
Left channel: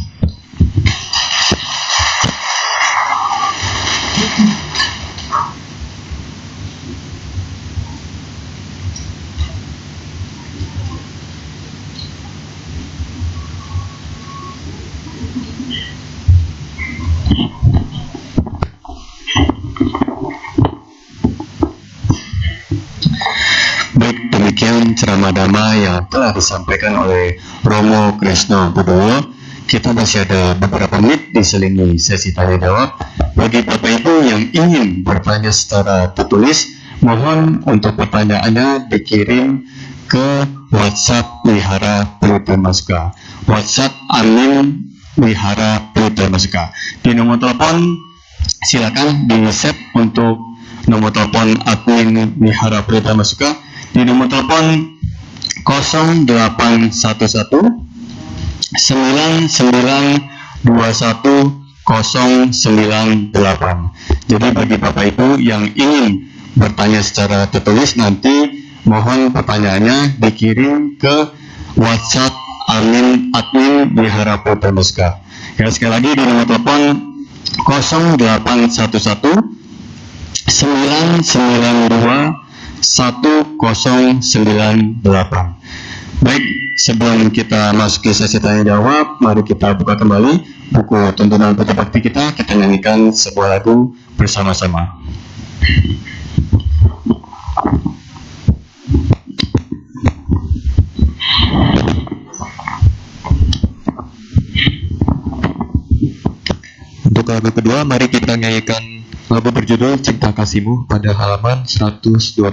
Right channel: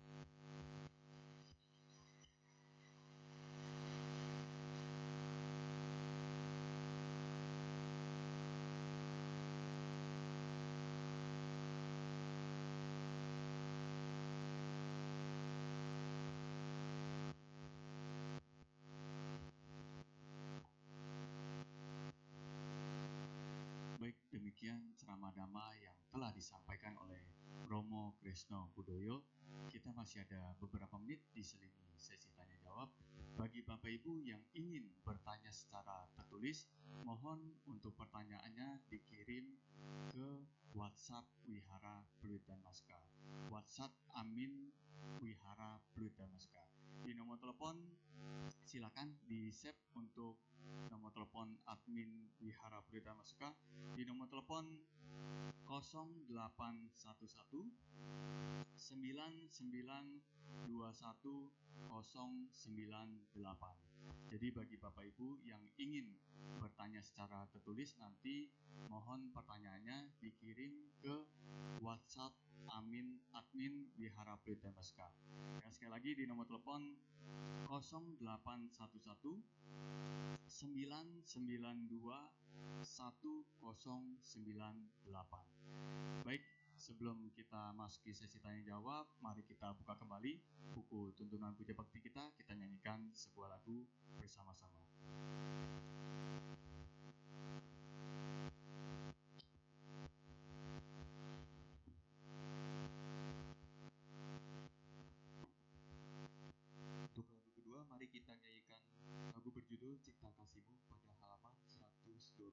Demikian ceramah dhamma yang telah disampaikan oleh Romo Kresno Budowo. Kita masih ada beberapa menit diselingi sesi tanya jawab. Bagi Bapak Ibu yang ingin bertanya secara tertulis, mohon untuk pertanyaannya dikirim ke WhatsApp Wihara Pelita Maska. WhatsApp admin Wihara Pelita Maska. Di nomor telepon silakan di-save untuk nomor telepon admin Wihara Pelita Maska di nomor telepon 0811 9921 098. Jadi bagi Bapak Ibu yang ingin bertanya secara tertulis, nanti mohon pertanyaannya dikirim ke WhatsApp admin di Harapu Pemuska. Ya, sekali lagi di nomor telepon 0811 992 1098. Baik, sebelum kita masuk ke sesi tanya jawab, mari kita buka kembali buku tuntunan Puja Bakti kita nyanyikan sebuah lagu bersama-sama. Untuk lagu kedua, mari kita nyanyikan lagu berjudul Cinta Kasihmu pada halaman 112.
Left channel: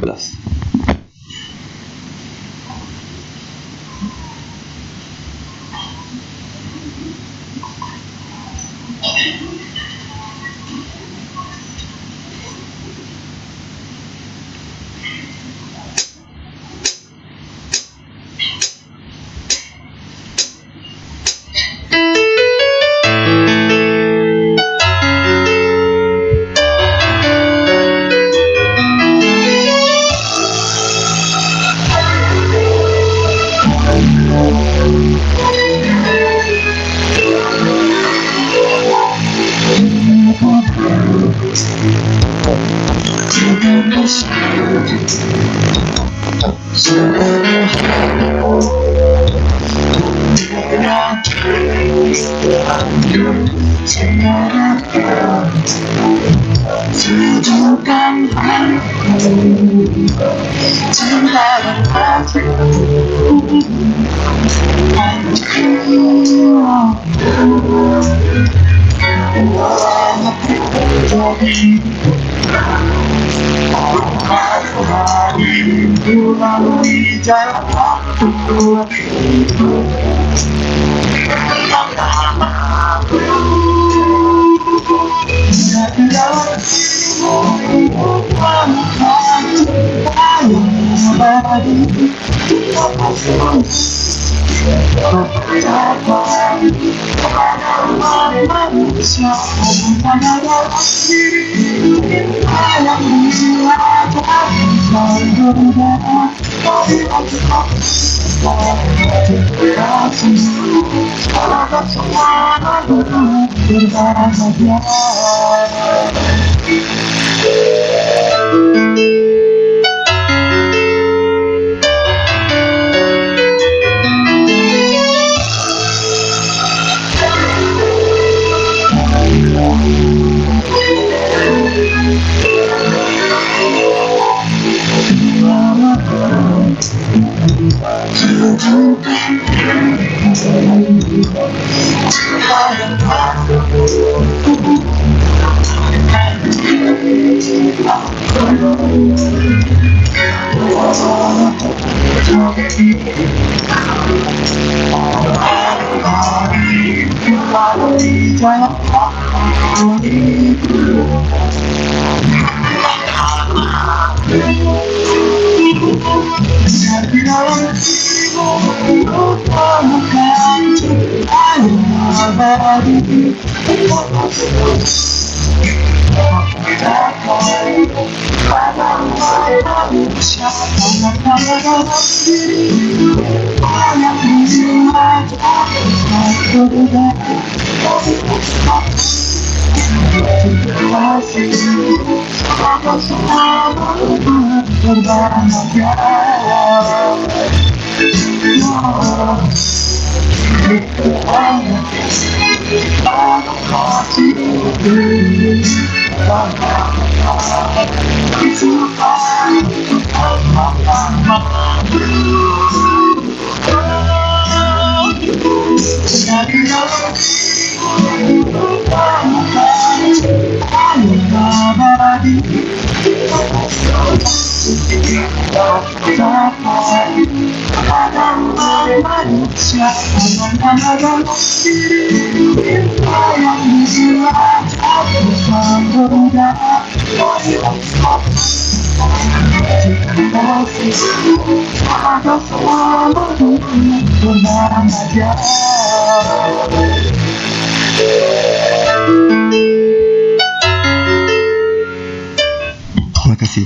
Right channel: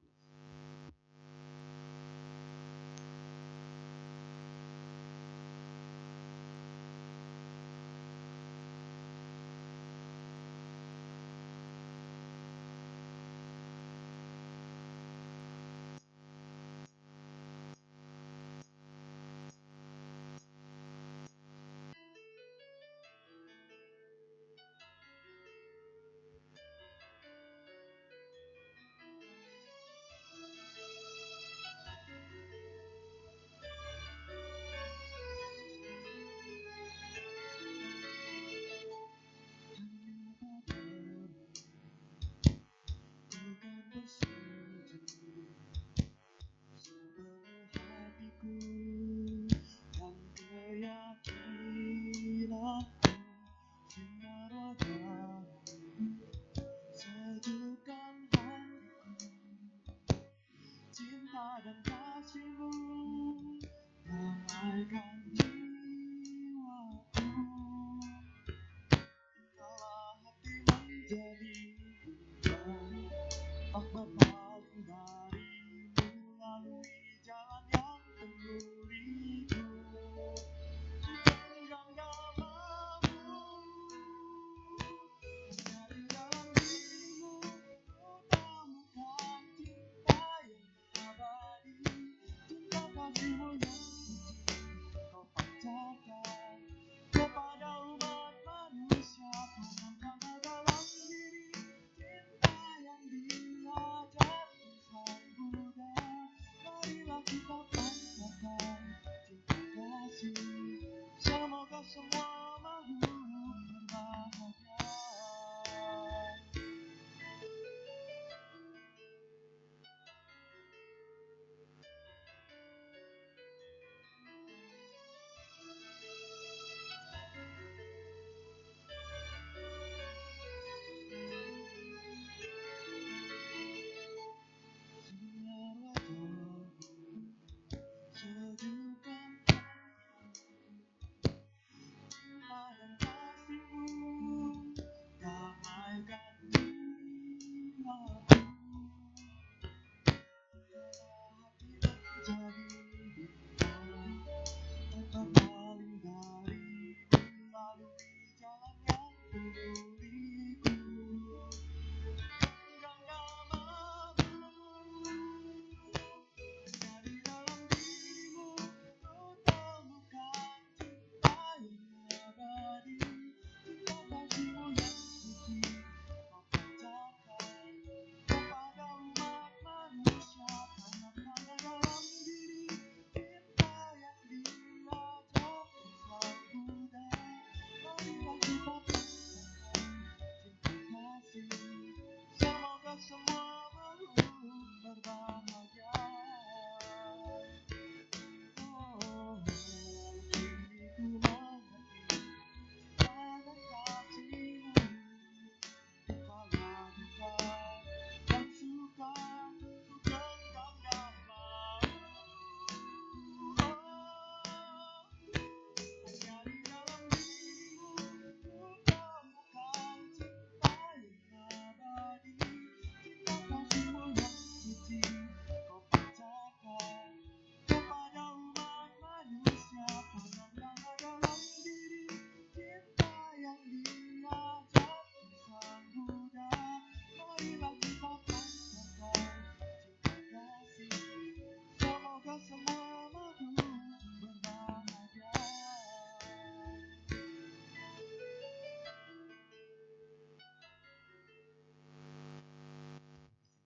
Terima kasih.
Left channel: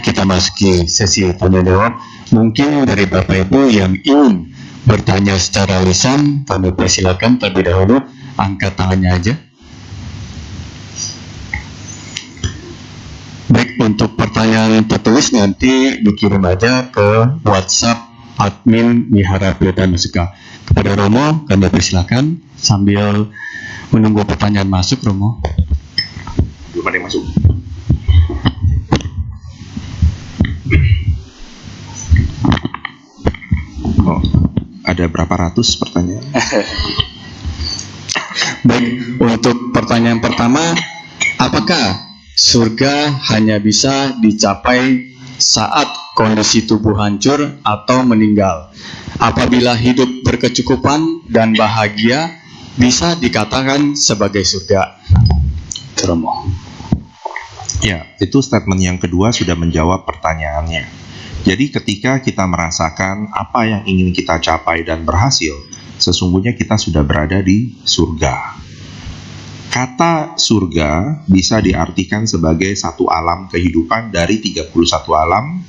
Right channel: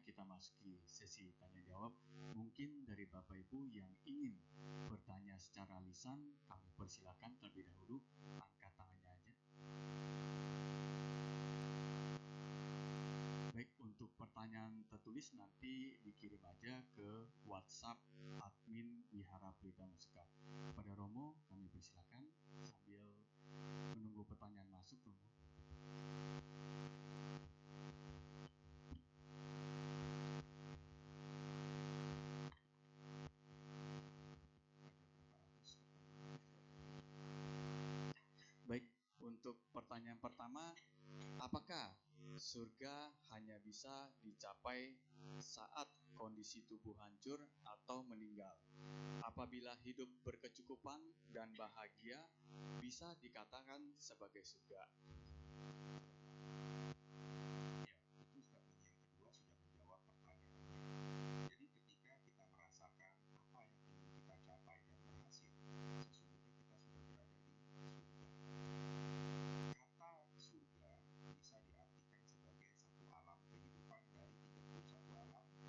kita masuki sesi tanya jawab. Mungkin dari Bapak Ibu yang ingin bertanya secara lisan, kami persilakan terlebih dahulu angkat tangannya aja. Baik, untuk pertanyaan tertulis nanti dikirim aja ke WhatsApp admin Wihara Pilihan Musika. Kepada Romo, kami persilakan sambil menunggu pertanyaan masuk, Romo. Belum ada yang masuk. Oh, ada berapa ratus pertanyaan? Baik, untuk pertanyaan pertama, apakah surga hanya bisa dicapai saat kondisi tubuh hancur atau meninggal? Apabila hidup berkecukupan dan bahagia, bisa dikatakan sebagai surga. Romo. Ya, itu statement yang kedua sudah menjawab pertanyaannya. Jadi ketika kita merasakan apa yang ingin kita capai dan berhasil, sesungguhnya kita sudah berada di surga. Kata surga bisa diartikan sebagai satu alam kehidupan dari 31 alam.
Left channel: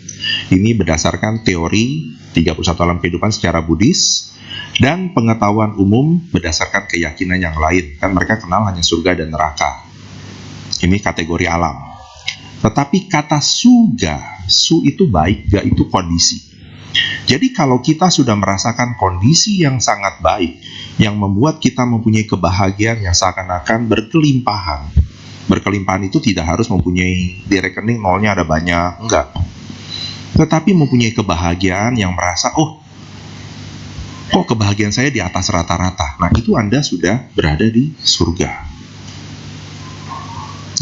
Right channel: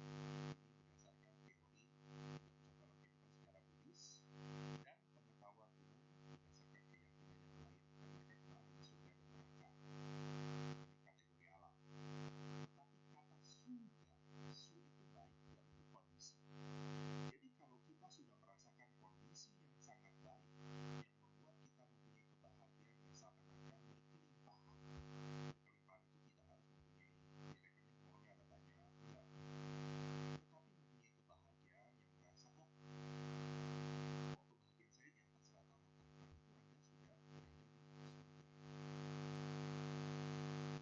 Ini berdasarkan teori 31 alam kehidupan secara Buddhis dan pengetahuan umum berdasarkan keyakinan yang lain. Kan mereka kenal hanya surga dan neraka. Ini kategori alam. Tetapi kata suga, su itu baik, ga itu kondisi. Jadi kalau kita sudah merasakan kondisi yang sangat baik, yang membuat kita mempunyai kebahagiaan yang seakan-akan berkelimpahan. Berkelimpahan itu tidak harus mempunyai di rekening nolnya ada banyak, enggak. Tetapi mempunyai kebahagiaan yang merasa, oh, kok kebahagiaan saya di atas rata-rata. Nah, itu Anda sudah berada di surga.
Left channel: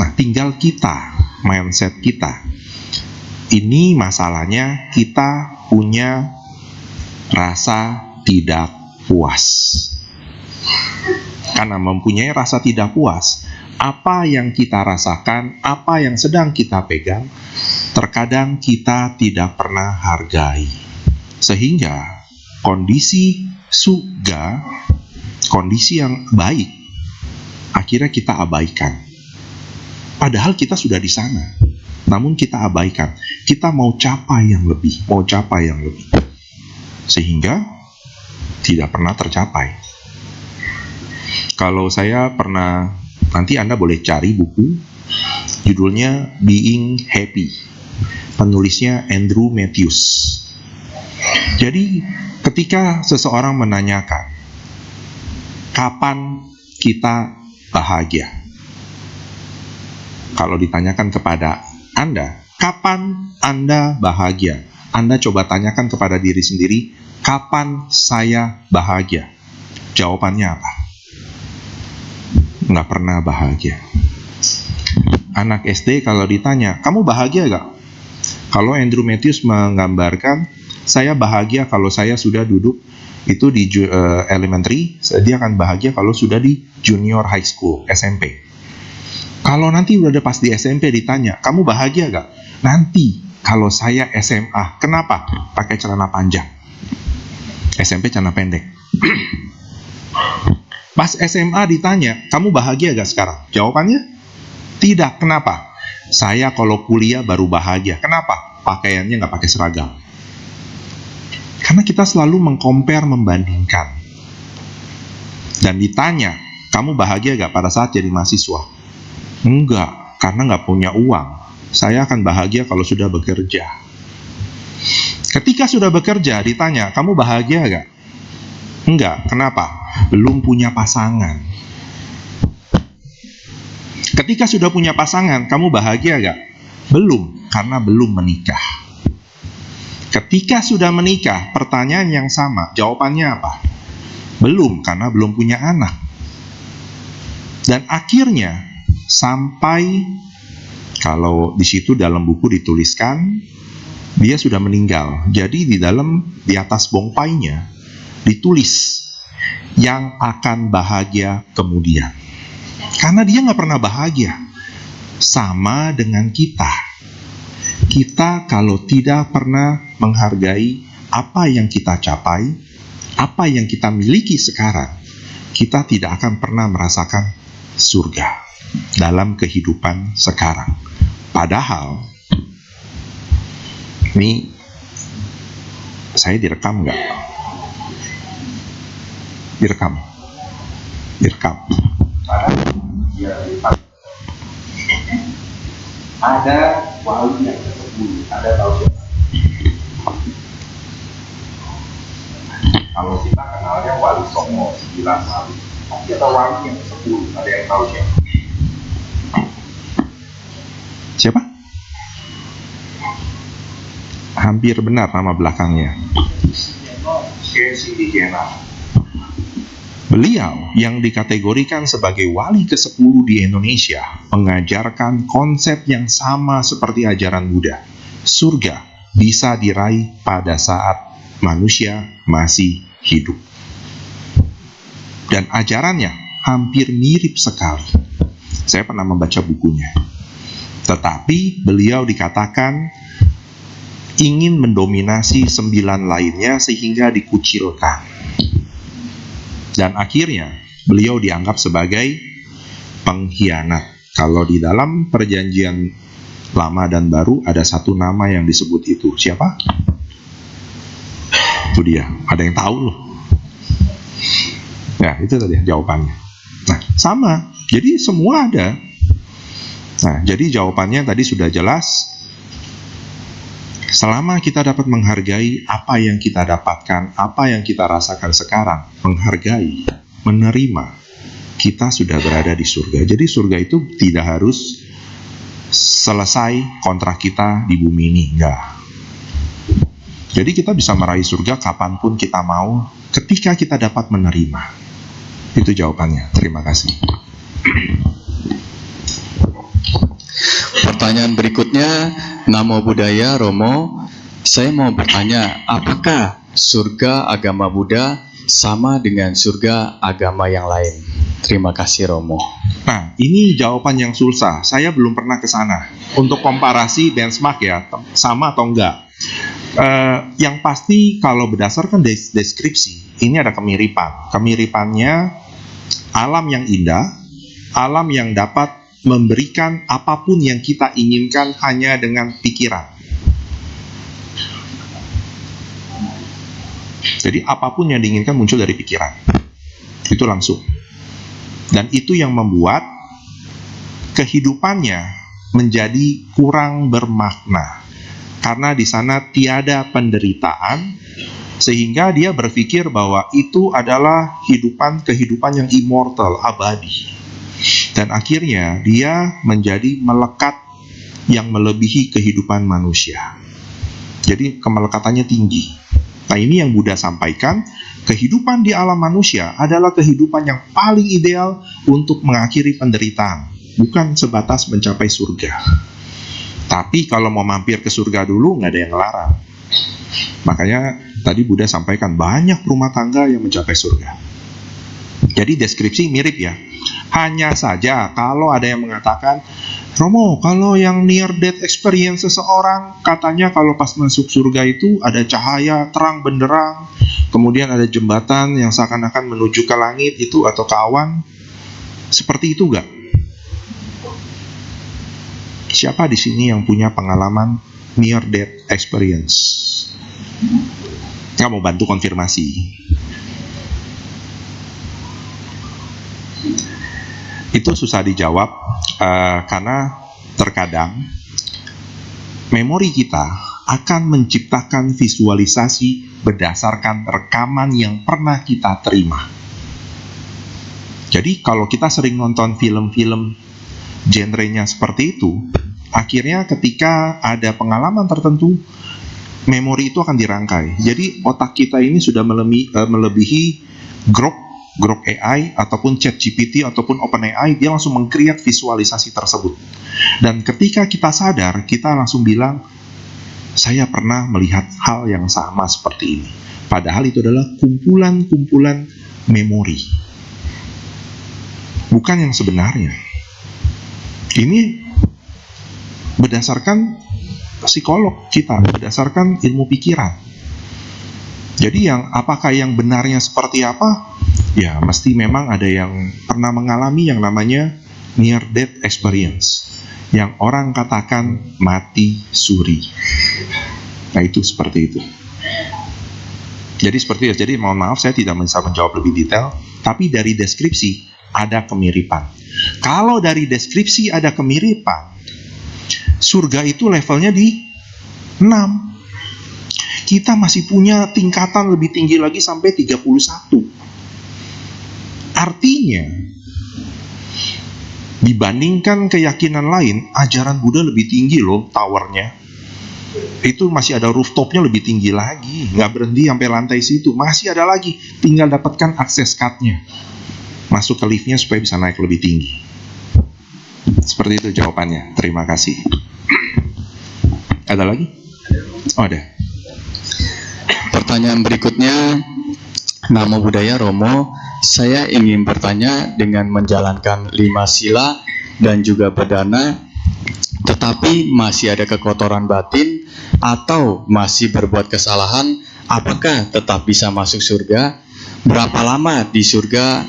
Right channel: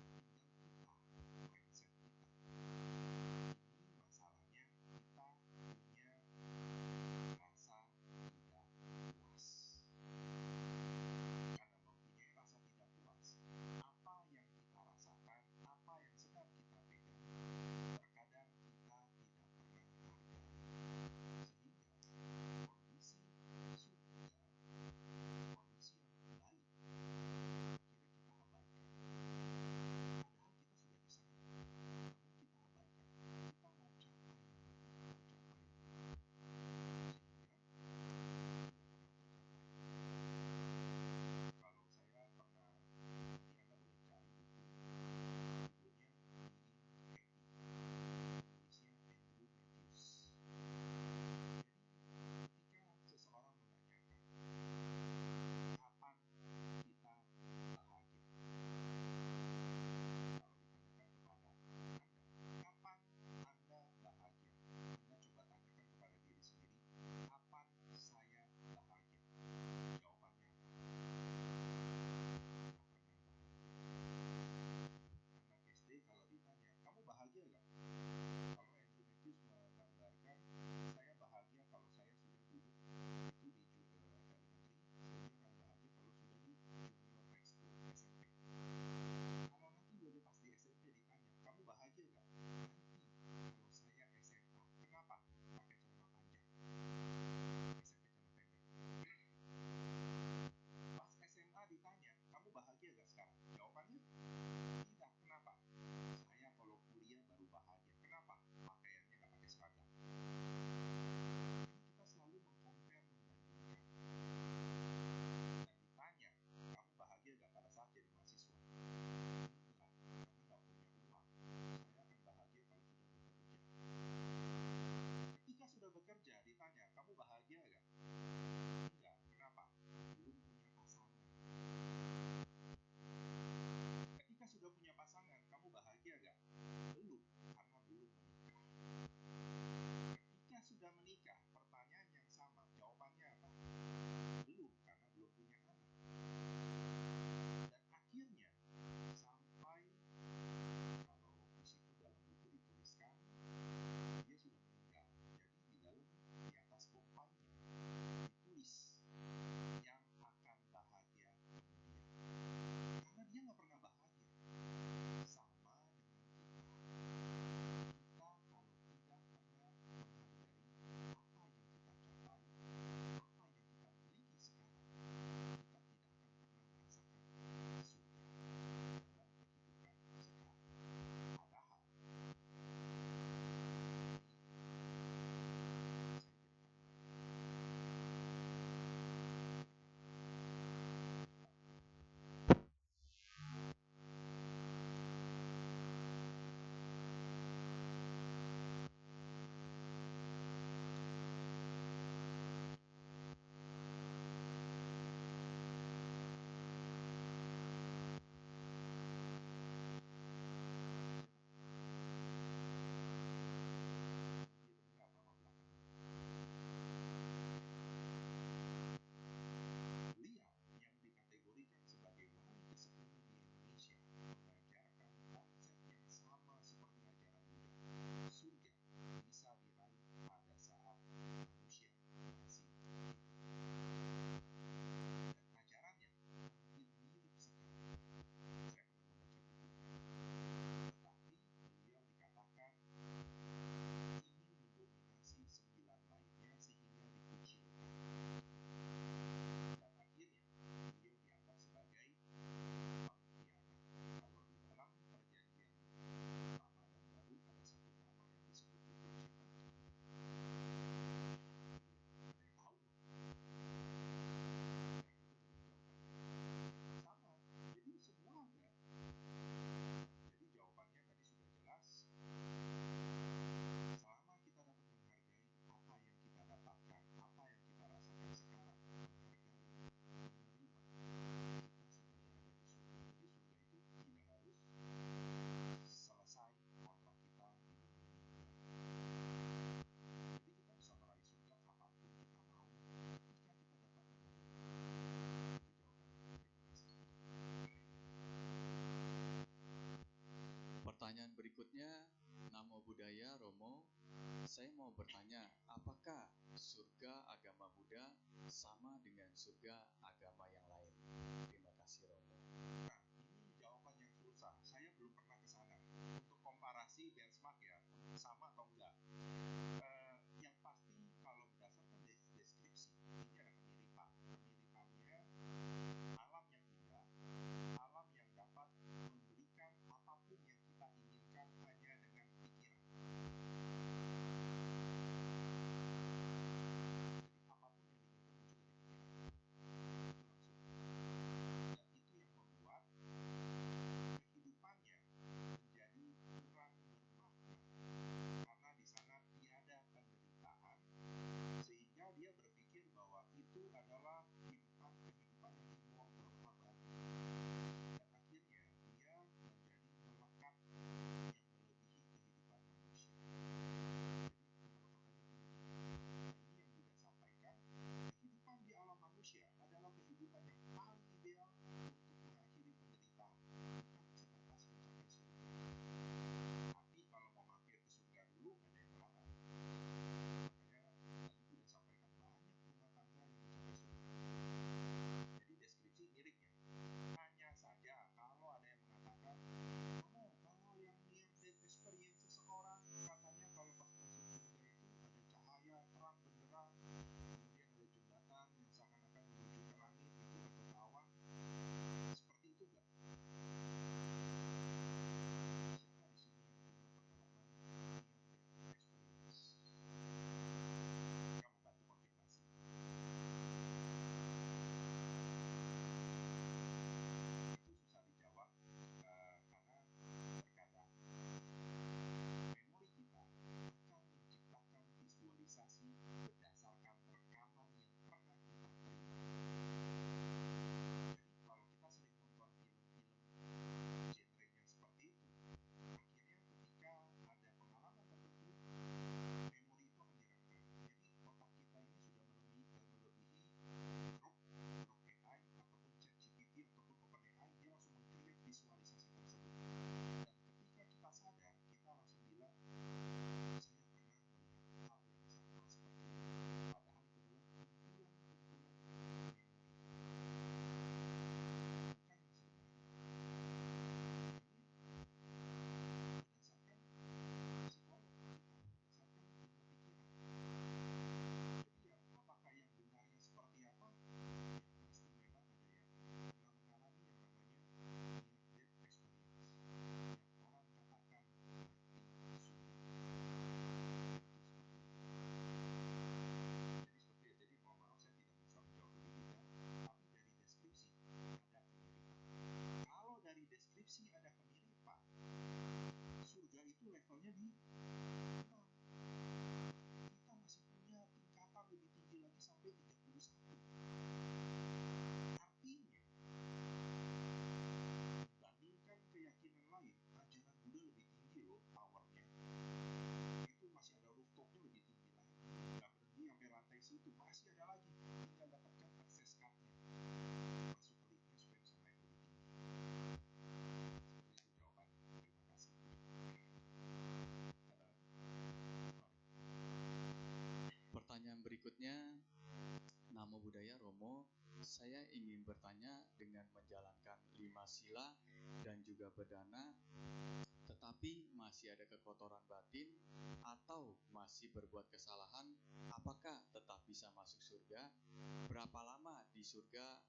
Nah, tinggal kita, mindset kita. Ini masalahnya kita punya rasa tidak puas. Karena mempunyai rasa tidak puas, apa yang kita rasakan, apa yang sedang kita pegang, terkadang kita tidak pernah hargai. Sehingga kondisi surga, kondisi yang baik, akhirnya kita abaikan. Padahal kita sudah di sana, namun kita abaikan. Kita mau capai yang lebih, sehingga tidak pernah tercapai. Kalau saya pernah, nanti Anda boleh cari buku, judulnya Being Happy, penulisnya Andrew Matthews. Jadi ketika seseorang menanyakan, kapan kita bahagia? Kalau ditanyakan kepada Anda, kapan Anda bahagia? Anda coba tanyakan kepada diri sendiri, kapan saya bahagia? Jawabannya apa? Nggak pernah bahagia. Anak SD kalau ditanya, kamu bahagia gak? Kalau Andrew Matthews menggambarkan, saya bahagia kalau saya sudah duduk itu di elementary, dia akan bahagia kalau sudah di junior high school, SMP. Kalau nanti udah pas di SMP ditanya, kamu bahagia gak? Nanti kalau saya SMA, kenapa? Pakai celana panjang. SMP celana pendek. Pas SMA ditanya, kamu bahagia gak sekarang? Jawabannya, tidak. Kenapa? Saya kalau kuliah baru bahagia. Kenapa? Pakaiannya gak pakai seragam. Karena kita selalu mengcompare, membandingkan. Dan ditanya, kamu bahagia gak pada saat jadi mahasiswa? Enggak, karena nggak punya uang. Saya akan bahagia kalau sudah bekerja. Ketika sudah bekerja, ditanya, kamu bahagia gak? Enggak, kenapa? Belum punya pasangan. Ketika sudah punya pasangan, kamu bahagia gak? Belum, karena belum menikah. Ketika sudah menikah, pertanyaan yang sama, jawabannya apa? Belum, karena belum punya anak. Dan akhirnya, sampai kalau di situ dalam buku dituliskan dia sudah meninggal. Jadi di atas bongpainya ditulis yang akan bahagia kemudian. Karena dia nggak pernah bahagia. Sama dengan kita. Kita kalau tidak pernah menghargai apa yang kita capai, apa yang kita miliki sekarang, kita tidak akan pernah merasakan surga dalam kehidupan sekarang. Padahal Ini saya direkam nggak? Direkam. Ada wali yang ke-10, ada tahu siapa? Kalau kita kenalnya wali Songo, 9 wali. Tapi ada wali yang ke-10, ada yang tahu siapa? Siapa? Hampir benar nama belakangnya. Beliau yang dikategorikan sebagai wali ke-10 di Indonesia mengajarkan konsep yang sama seperti ajaran Buddha. Surga bisa diraih pada saat manusia masih hidup. Dan ajarannya hampir mirip sekali. Saya pernah membaca bukunya. Tetapi beliau dikatakan ingin mendominasi 9 lainnya sehingga dikucilkan. Dan akhirnya beliau dianggap sebagai pengkhianat. Kalau di dalam perjanjian lama dan baru ada satu nama yang disebut itu. Siapa? Itu dia. Ada yang tahu loh. Ya, itu tadi jawabannya. Nah, sama. Jadi semua ada. Nah, jadi jawabannya tadi sudah jelas. Selama kita dapat menghargai apa yang kita dapatkan, apa yang kita rasakan sekarang, menghargai, menerima, kita sudah berada di surga. Jadi surga itu tidak harus selesai kontrak kita di bumi ini, enggak. Jadi kita bisa meraih surga kapanpun kita mau, ketika kita dapat menerima. Itu jawabannya. Terima kasih. Pertanyaan berikutnya, Namo Buddhaya, Romo. Saya mau bertanya, apakah surga agama Buddha sama dengan surga agama yang lain? Terima kasih, Romo. Nah, ini jawaban yang susah. Saya belum pernah ke sana. Untuk komparasi benchmark ya, sama atau enggak. Yang pasti kalau berdasarkan deskripsi, ini ada kemiripan. Kemiripannya alam yang indah, alam yang dapat memberikan apapun yang kita inginkan hanya dengan pikiran. Jadi apapun yang diinginkan muncul dari pikiran. Itu langsung. Dan itu yang membuat kehidupannya menjadi kurang bermakna. Karena di sana tiada penderitaan, sehingga dia berpikir bahwa itu adalah kehidupan yang immortal, abadi. Dan akhirnya dia menjadi melekat yang melebihi kehidupan manusia. Jadi kemelekatannya tinggi. Nah, ini yang Buddha sampaikan, kehidupan di alam manusia adalah kehidupan yang paling ideal untuk mengakhiri penderitaan, bukan sebatas mencapai surga. Tapi kalau mau mampir ke surga dulu, nggak ada yang larang. Makanya tadi Buddha sampaikan banyak rumah tangga yang mencapai surga. Jadi deskripsi mirip ya. Hanya saja kalau ada yang mengatakan, Romo, kalau yang near death experience seseorang, katanya kalau pas masuk surga itu ada cahaya terang benderang, kemudian ada jembatan yang seakan-akan menuju ke langit itu atau ke awan. Seperti itu gak? Siapa di sini yang punya pengalaman near death experience? Nggak mau bantu konfirmasi? Itu susah dijawab karena terkadang memori kita akan menciptakan visualisasi berdasarkan rekaman yang pernah kita terima. Jadi kalau kita sering nonton film-film genrenya seperti itu, akhirnya ketika ada pengalaman tertentu, memori itu akan dirangkai. Jadi otak kita ini sudah melebihi Grok AI ataupun ChatGPT ataupun OpenAI, dia langsung meng-create visualisasi tersebut. Dan ketika kita sadar, kita langsung bilang, saya pernah melihat hal yang sama seperti ini. Padahal itu adalah kumpulan-kumpulan memori. Bukan yang sebenarnya. Ini berdasarkan psikolog kita, berdasarkan ilmu pikiran. Jadi apakah yang benarnya seperti apa? Ya, mesti memang ada yang pernah mengalami yang namanya near death experience, yang orang katakan mati suri. Nah itu seperti itu. Jadi seperti itu. Jadi mohon maaf saya tidak bisa menjawab lebih detail, tapi dari deskripsi ada kemiripan. Kalau dari deskripsi ada kemiripan, surga itu levelnya di 6. Kita masih punya tingkatan lebih tinggi lagi sampai 31. Artinya, dibandingkan keyakinan lain, ajaran Buddha lebih tinggi loh towernya. Itu masih ada rooftopnya lebih tinggi lagi, nggak berhenti sampai lantai situ, masih ada lagi, tinggal dapatkan akses card-nya, masuk ke liftnya supaya bisa naik lebih tinggi. Seperti itu jawabannya. Terima kasih. Ada lagi? Oh ada. Pertanyaan berikutnya, Namo Buddhaya Romo, saya ingin bertanya dengan menjalankan 5 sila dan juga bedana, tetapi masih ada kekotoran batin atau masih berbuat kesalahan, apakah tetap bisa masuk surga? Berapa lama di surga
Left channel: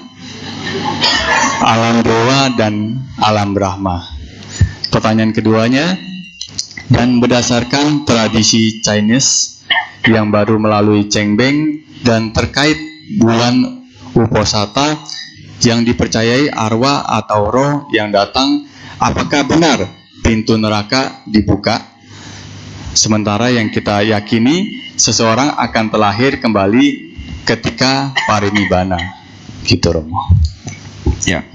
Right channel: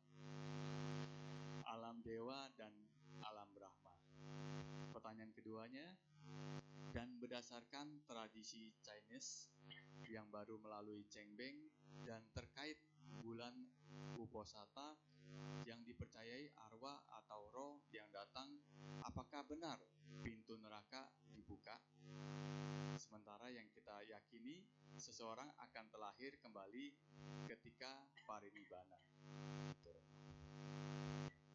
alam dewa dan alam Brahma? Pertanyaan keduanya, dan berdasarkan tradisi Chinese yang baru melalui Cengbeng dan terkait bulan Uposatha yang dipercayai arwah atau roh yang datang, apakah benar pintu neraka dibuka? Sementara yang kita yakini seseorang akan terlahir kembali ketika parinibbana. Gitu Romo. Ya,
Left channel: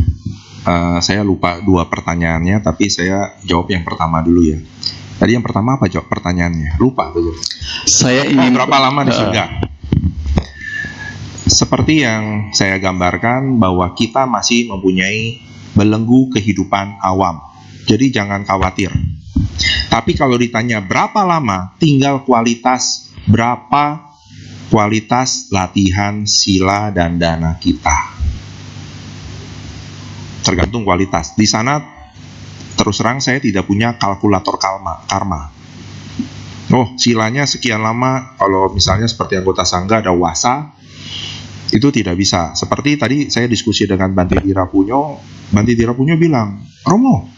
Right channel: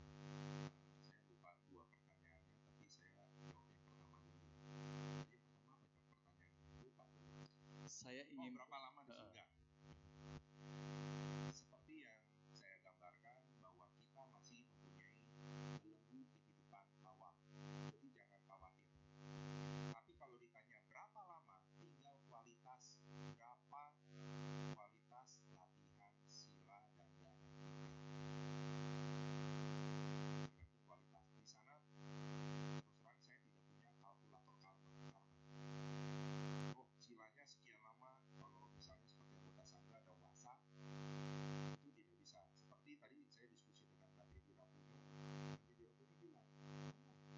saya lupa 2 pertanyaannya, tapi saya jawab yang pertama dulu ya. Tadi yang pertama apa jawab pertanyaannya? Lupa betul. Saya ingin Berapa lama di surga? Seperti yang saya gambarkan bahwa kita masih mempunyai belenggu kehidupan awam. Jadi jangan khawatir. Tapi kalau ditanya berapa lama, tinggal berapa kualitas latihan sila dan dana kita. Tergantung kualitas. Di sana terus terang saya tidak punya kalkulator karma. Oh, silanya sekian lama, kalau misalnya seperti anggota sangga ada wasa, itu tidak bisa. Seperti tadi saya diskusi dengan Bante Dirapunyo bilang, Romo,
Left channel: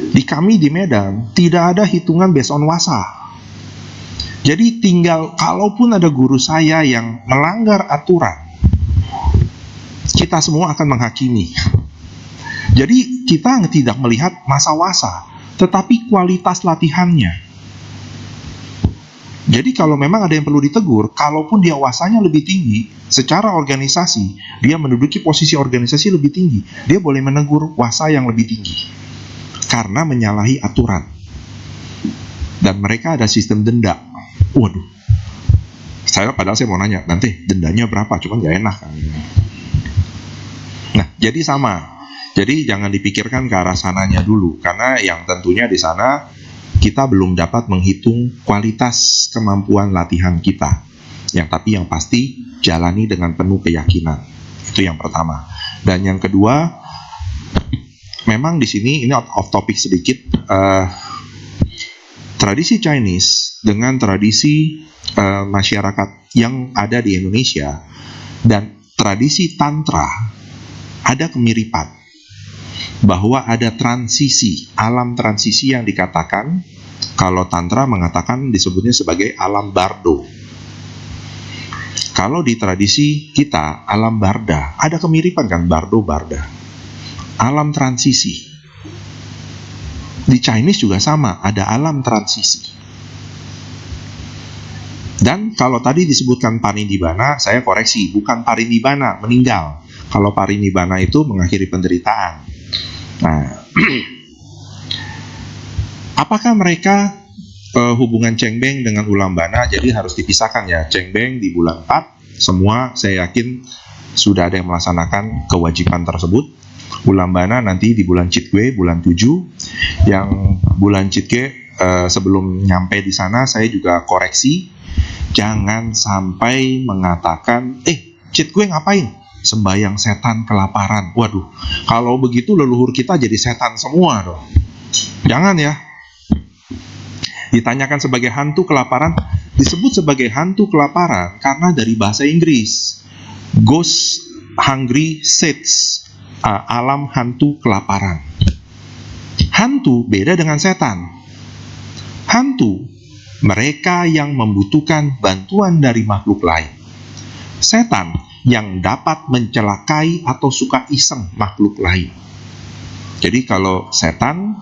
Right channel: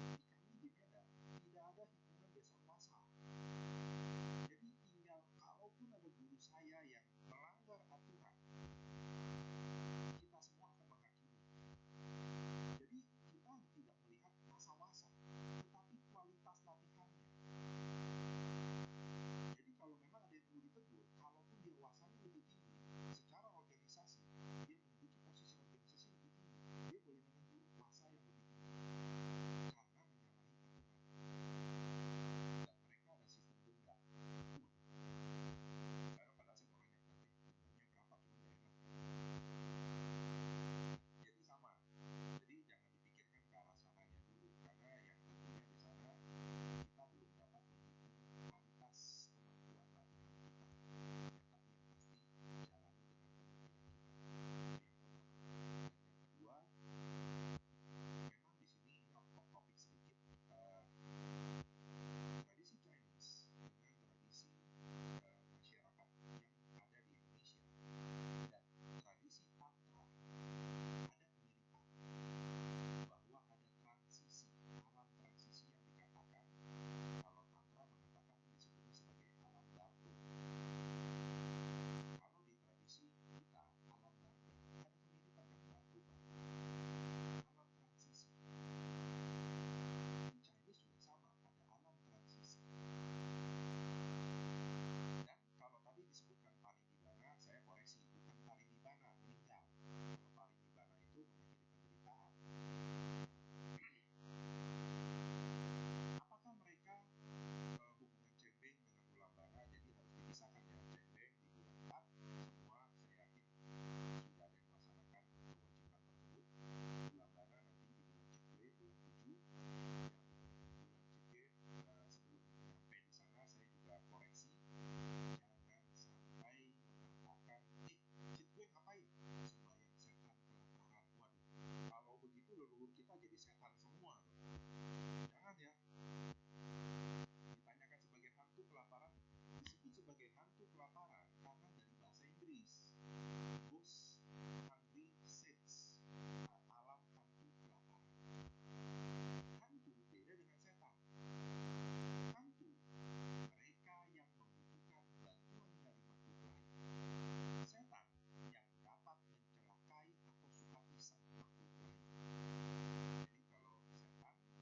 di kami di Medan tidak ada hitungan based on wasa. Jadi tinggal kalaupun ada guru saya yang melanggar aturan, kita semua akan menghakimi. Jadi kita tidak melihat masa wasa, tetapi kualitas latihannya. Jadi kalau memang ada yang perlu ditegur, kalaupun dia wasanya lebih tinggi, secara organisasi, dia menduduki posisi organisasi lebih tinggi, dia boleh menegur wasa yang lebih tinggi. Karena menyalahi aturan. Dan mereka ada sistem denda. Waduh. Padahal saya mau nanya, nanti dendanya berapa? Cuman gak enak kan. Nah, jadi sama. Jadi jangan dipikirkan ke arah sananya dulu, karena yang tentunya di sana kita belum dapat menghitung kualitas kemampuan latihan kita. Tapi yang pasti jalani dengan penuh keyakinan. Itu yang pertama. Dan yang kedua, memang di sini ini off topic sedikit. Tradisi Chinese dengan tradisi masyarakat yang ada di Indonesia dan tradisi Tantra ada kemiripan. Bahwa ada transisi, alam transisi yang dikatakan, kalau Tantra mengatakan disebutnya sebagai alam Bardo. Kalau di tradisi kita, alam Barda, ada kemiripan kan, Bardo, Barda. Alam transisi. Di Chinese juga sama, ada alam transisi. Dan kalau tadi disebutkan parinibbana, saya koreksi, bukan parinibbana, meninggal. Kalau parinibbana itu mengakhiri penderitaan. Nah, apakah mereka hubungan Cengbeng dengan Ulambana jadi harus dipisahkan ya? Cengbeng di bulan 4, semua saya yakin sudah ada yang melaksanakan kewajiban tersebut. Ulambana nanti di bulan Chitwe, bulan 7. Yang bulan Chitwe sebelum nyampe di sana saya juga koreksi, jangan sampai mengatakan, Chitwe ngapain? Sembayang setan kelaparan. Waduh, kalau begitu leluhur kita jadi setan semua dong. Jangan ya. Ditanyakan sebagai hantu kelaparan, disebut sebagai hantu kelaparan karena dari bahasa Inggris. Ghost hungry saints, alam hantu kelaparan. Hantu beda dengan setan. Hantu mereka yang membutuhkan bantuan dari makhluk lain. Setan yang dapat mencelakai atau suka iseng makhluk lain. Jadi kalau setan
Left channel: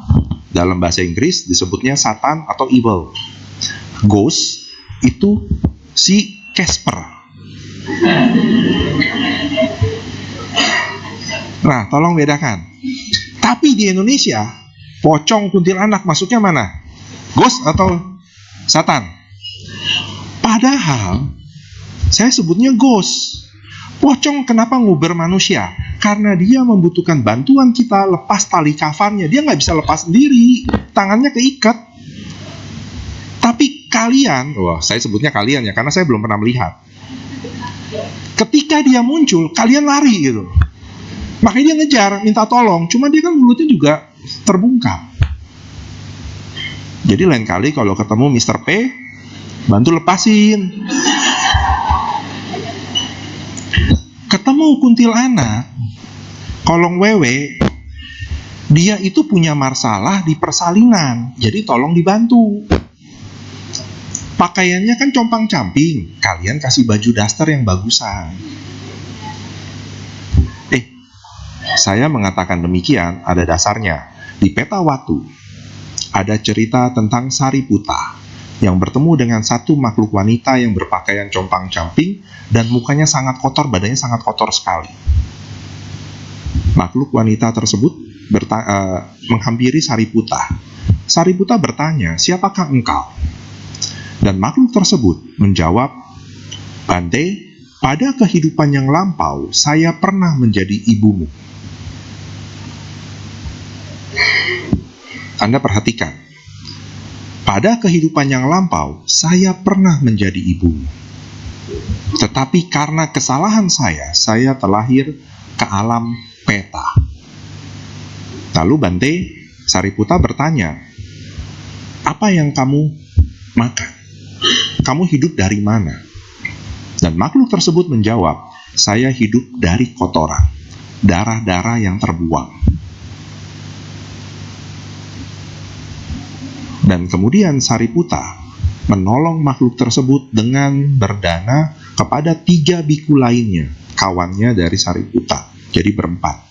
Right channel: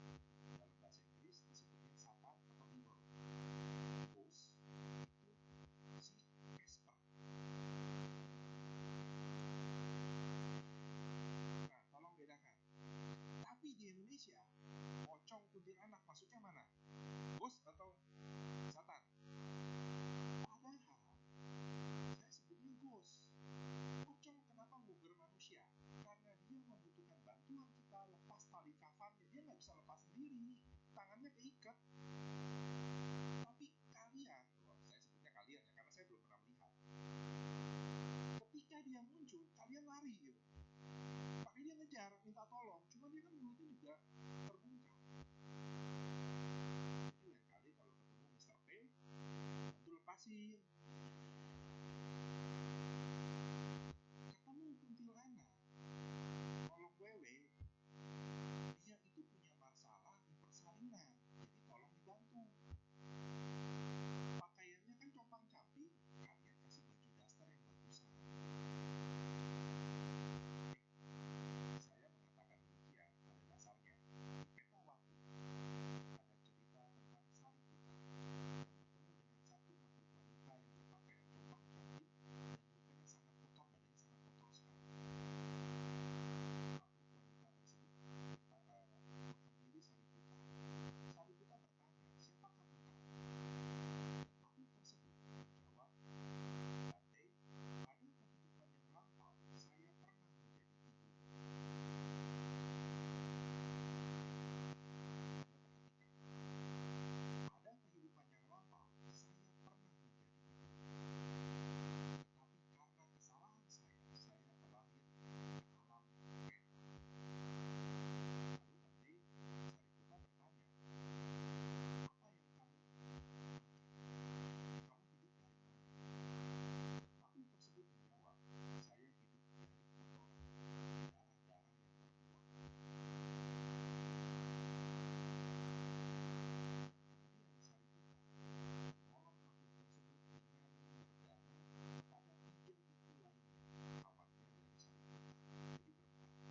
dalam bahasa Inggris disebutnya Satan atau evil. Ghost itu si Casper. Nah, tolong bedakan. Tapi di Indonesia, pocong, kuntilanak masuknya mana? Ghost atau Satan? Padahal saya sebutnya ghost. Pocong kenapa nguber manusia? Karena dia membutuhkan bantuan kita lepas tali kafannya. Dia nggak bisa lepas sendiri, tangannya keikat. Tapi kalian, saya sebutnya kalian ya, karena saya belum pernah melihat. Ketika dia muncul, kalian lari gitu. Makanya dia ngejar, minta tolong. Cuma dia kan mulutnya juga terbungkam. Jadi lain kali kalau ketemu Mr. P, bantu lepasin. Ketemu kuntilanak, kolong wewe, dia itu punya masalah di persalinan, jadi tolong dibantu. Pakaiannya kan compang-camping, kalian kasih baju daster yang bagusan. Saya mengatakan demikian ada dasarnya. Di Peta Watu ada cerita tentang Sariputta yang bertemu dengan satu makhluk wanita yang berpakaian compang-camping dan mukanya sangat kotor, badannya sangat kotor sekali. Makhluk wanita tersebut menghampiri Sariputta. Sariputta bertanya, "Siapakah engkau?" Dan makhluk tersebut menjawab, "Bante, pada kehidupan yang lampau, saya pernah menjadi ibumu." Anda perhatikan, pada kehidupan yang lampau, saya pernah menjadi ibumu. Tetapi karena kesalahan saya terlahir ke alam peta. Lalu Bante, Sariputta bertanya, "Apa yang kamu makan? Kamu hidup dari mana?" Dan makhluk tersebut menjawab, "Saya hidup dari kotoran, darah-darah yang terbuang." Dan kemudian Sariputta menolong makhluk tersebut dengan berdana kepada 3 biku lainnya, kawannya dari Sariputta. Jadi berempat.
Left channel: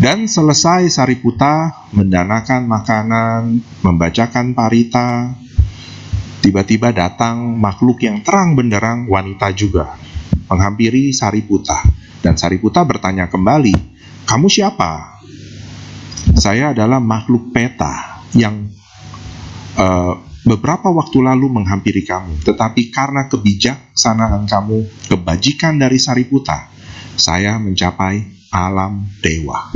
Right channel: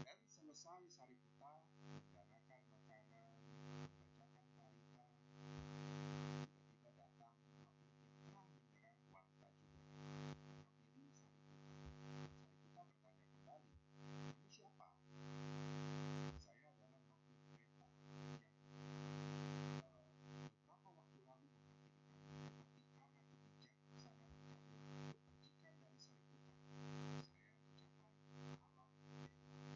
Dan selesai Sariputta mendanakan makanan, membacakan parita, tiba-tiba datang makhluk yang terang benderang, wanita juga, menghampiri Sariputta. Dan Sariputta bertanya kembali, "Kamu siapa?" "Saya adalah makhluk peta yang beberapa waktu lalu menghampiri kamu, tetapi karena kebijaksanaan kamu, kebajikan dari Sariputta, saya mencapai alam dewa."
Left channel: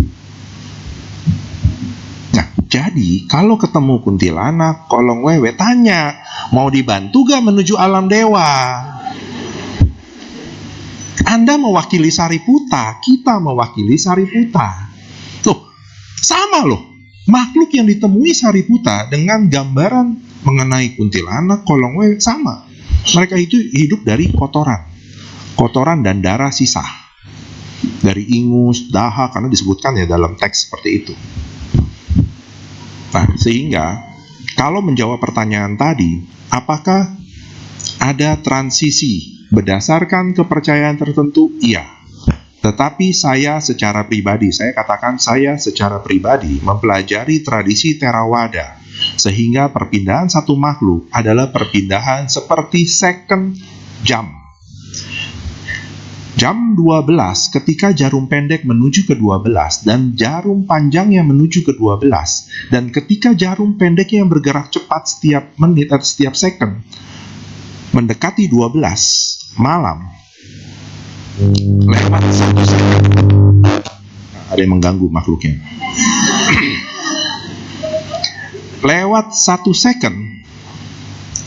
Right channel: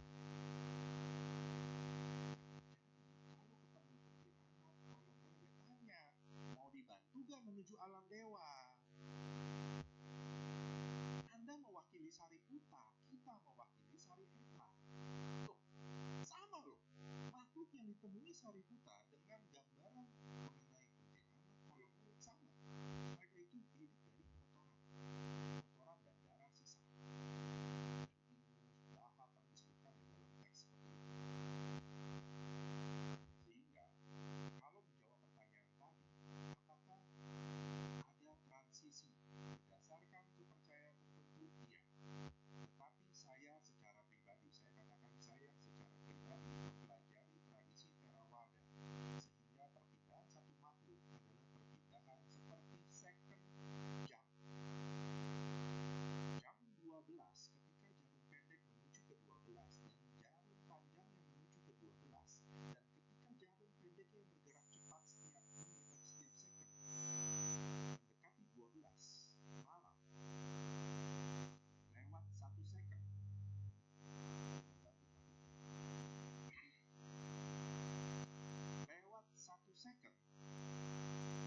Nah, jadi kalau ketemu kuntilanak, kolong wewe, tanya, "Mau dibantu gak menuju alam dewa?" Anda mewakili Sariputta, kita mewakili Sariputta. Loh, sama loh. Makhluk yang ditemui Sariputta dengan gambaran mengenai kuntilanak, kolong wewe sama. Mereka itu hidup dari kotoran dan darah sisa, dari ingus, dahak, karena disebutkan ya dalam teks seperti itu. Nah, sehingga kalau menjawab pertanyaan tadi, apakah ada transisi berdasarkan kepercayaan tertentu? Iya. Tetapi saya secara pribadi mempelajari tradisi Theravada, sehingga perpindahan satu makhluk adalah perpindahan seperti second jump. Jam 12 ketika jarum pendek menuju ke 12 dan jarum panjangnya menuju ke 12, dan ketika jarum pendeknya yang bergerak cepat setiap menit atau setiap second mendekati 12 malam, lewat 1 second, ada yang mengganggu makhluknya. Lewat 1 second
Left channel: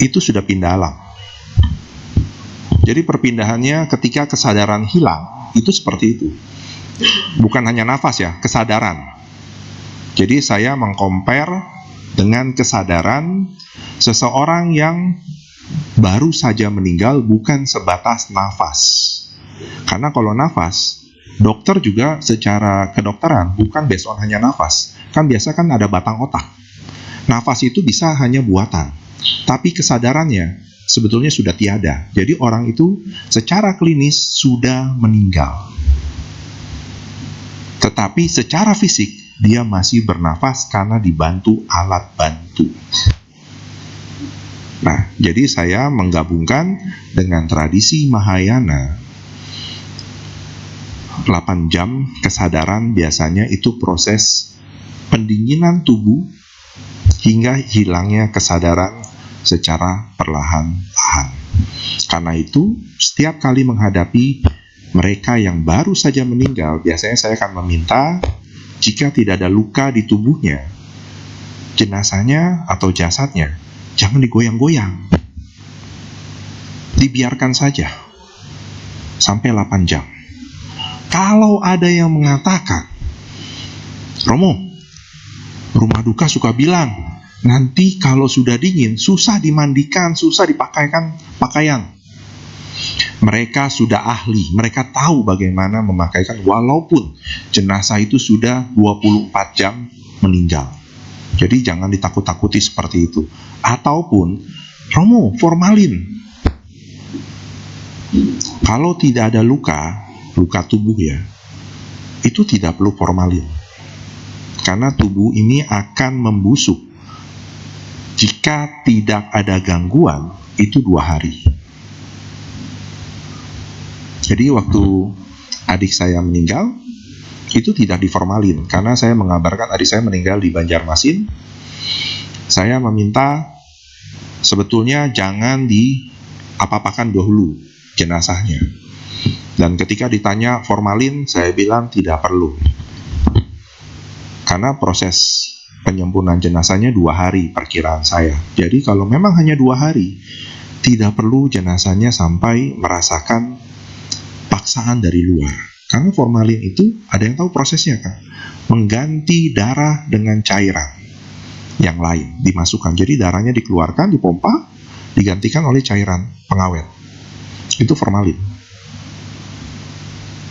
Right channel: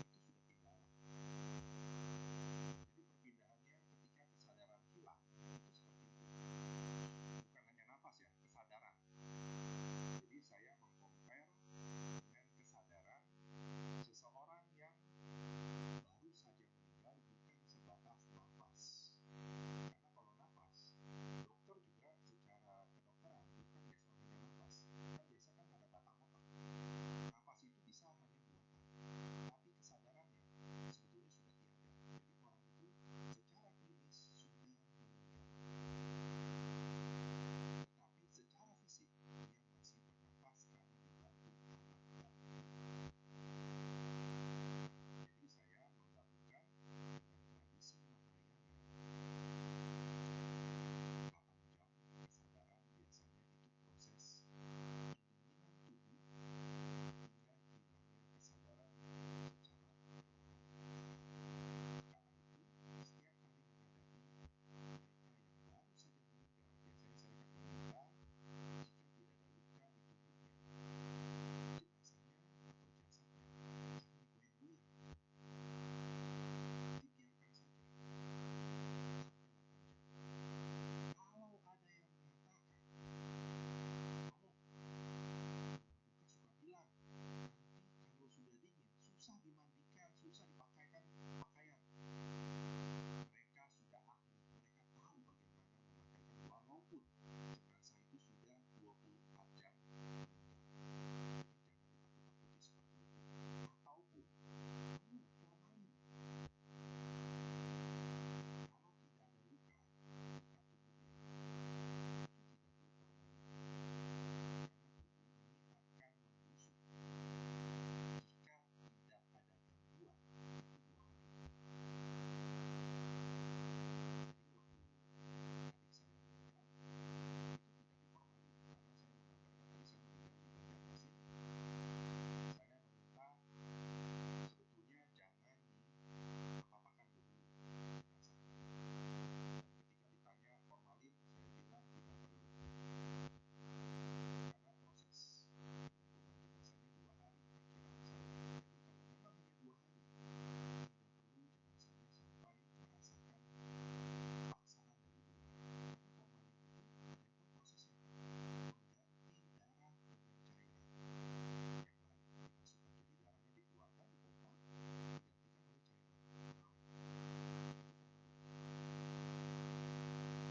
itu sudah pindah alam. Jadi perpindahannya ketika kesadaran hilang itu seperti itu. Bukan hanya nafas ya, kesadaran. Jadi saya mengcompare dengan kesadaran seseorang yang baru saja meninggal, bukan sebatas nafas. Karena kalau nafas, dokter juga secara kedokteran bukan based on hanya nafas. Kan biasa kan ada batang otak. Nafas itu bisa hanya buatan. tapi kesadarannya sebetulnya sudah tiada. Jadi orang itu secara klinis sudah meninggal. Tetapi secara fisik dia masih bernafas karena dibantu alat bantu. Nah, jadi saya menggabungkan dengan tradisi Mahayana. 8 jam kesadaran biasanya itu proses pendinginan tubuh hingga hilangnya kesadaran secara perlahan-lahan. Karena itu, setiap kali menghadapi mereka yang baru saja meninggal, biasanya saya akan meminta jika tidak ada luka di tubuhnya, jenazahnya atau jasadnya jangan digoyang-goyang. Dibiarkan saja sampai 8 jam. Kalau ada yang mengatakan, Romo, rumah duka suka bilang, nanti kalau sudah dingin, susah dimandikan, susah dipakaikan pakaian. Mereka sudah ahli, mereka tahu bagaimana memakaikan walaupun jenazah itu sudah 24 jam meninggal. Jadi jangan ditakut-takuti seperti itu. Ataupun, Romo, formalin. Kalau tidak ada luka tubuh ya, itu tidak perlu formalin. Karena tubuh ini akan membusuk. Jika tidak ada gangguan, itu 2 hari. Jadi waktu adik saya meninggal, itu tidak diformalin. Karena saya mengabarkan adik saya meninggal di Banjarmasin. Saya meminta sebetulnya jangan diapa-apakan dahulu jenazahnya. Dan ketika ditanya formalin, saya bilang tidak perlu. Karena proses penyempunan jenazahnya 2 hari perkiraan saya. Jadi kalau memang hanya 2 hari, tidak perlu jenazahnya sampai merasakan paksaan dari luar. Karena formalin itu ada yang tahu prosesnya kan, mengganti darah dengan cairan yang lain dimasukkan. Jadi darahnya dikeluarkan, dipompa, digantikan oleh cairan pengawet. Itu formalin.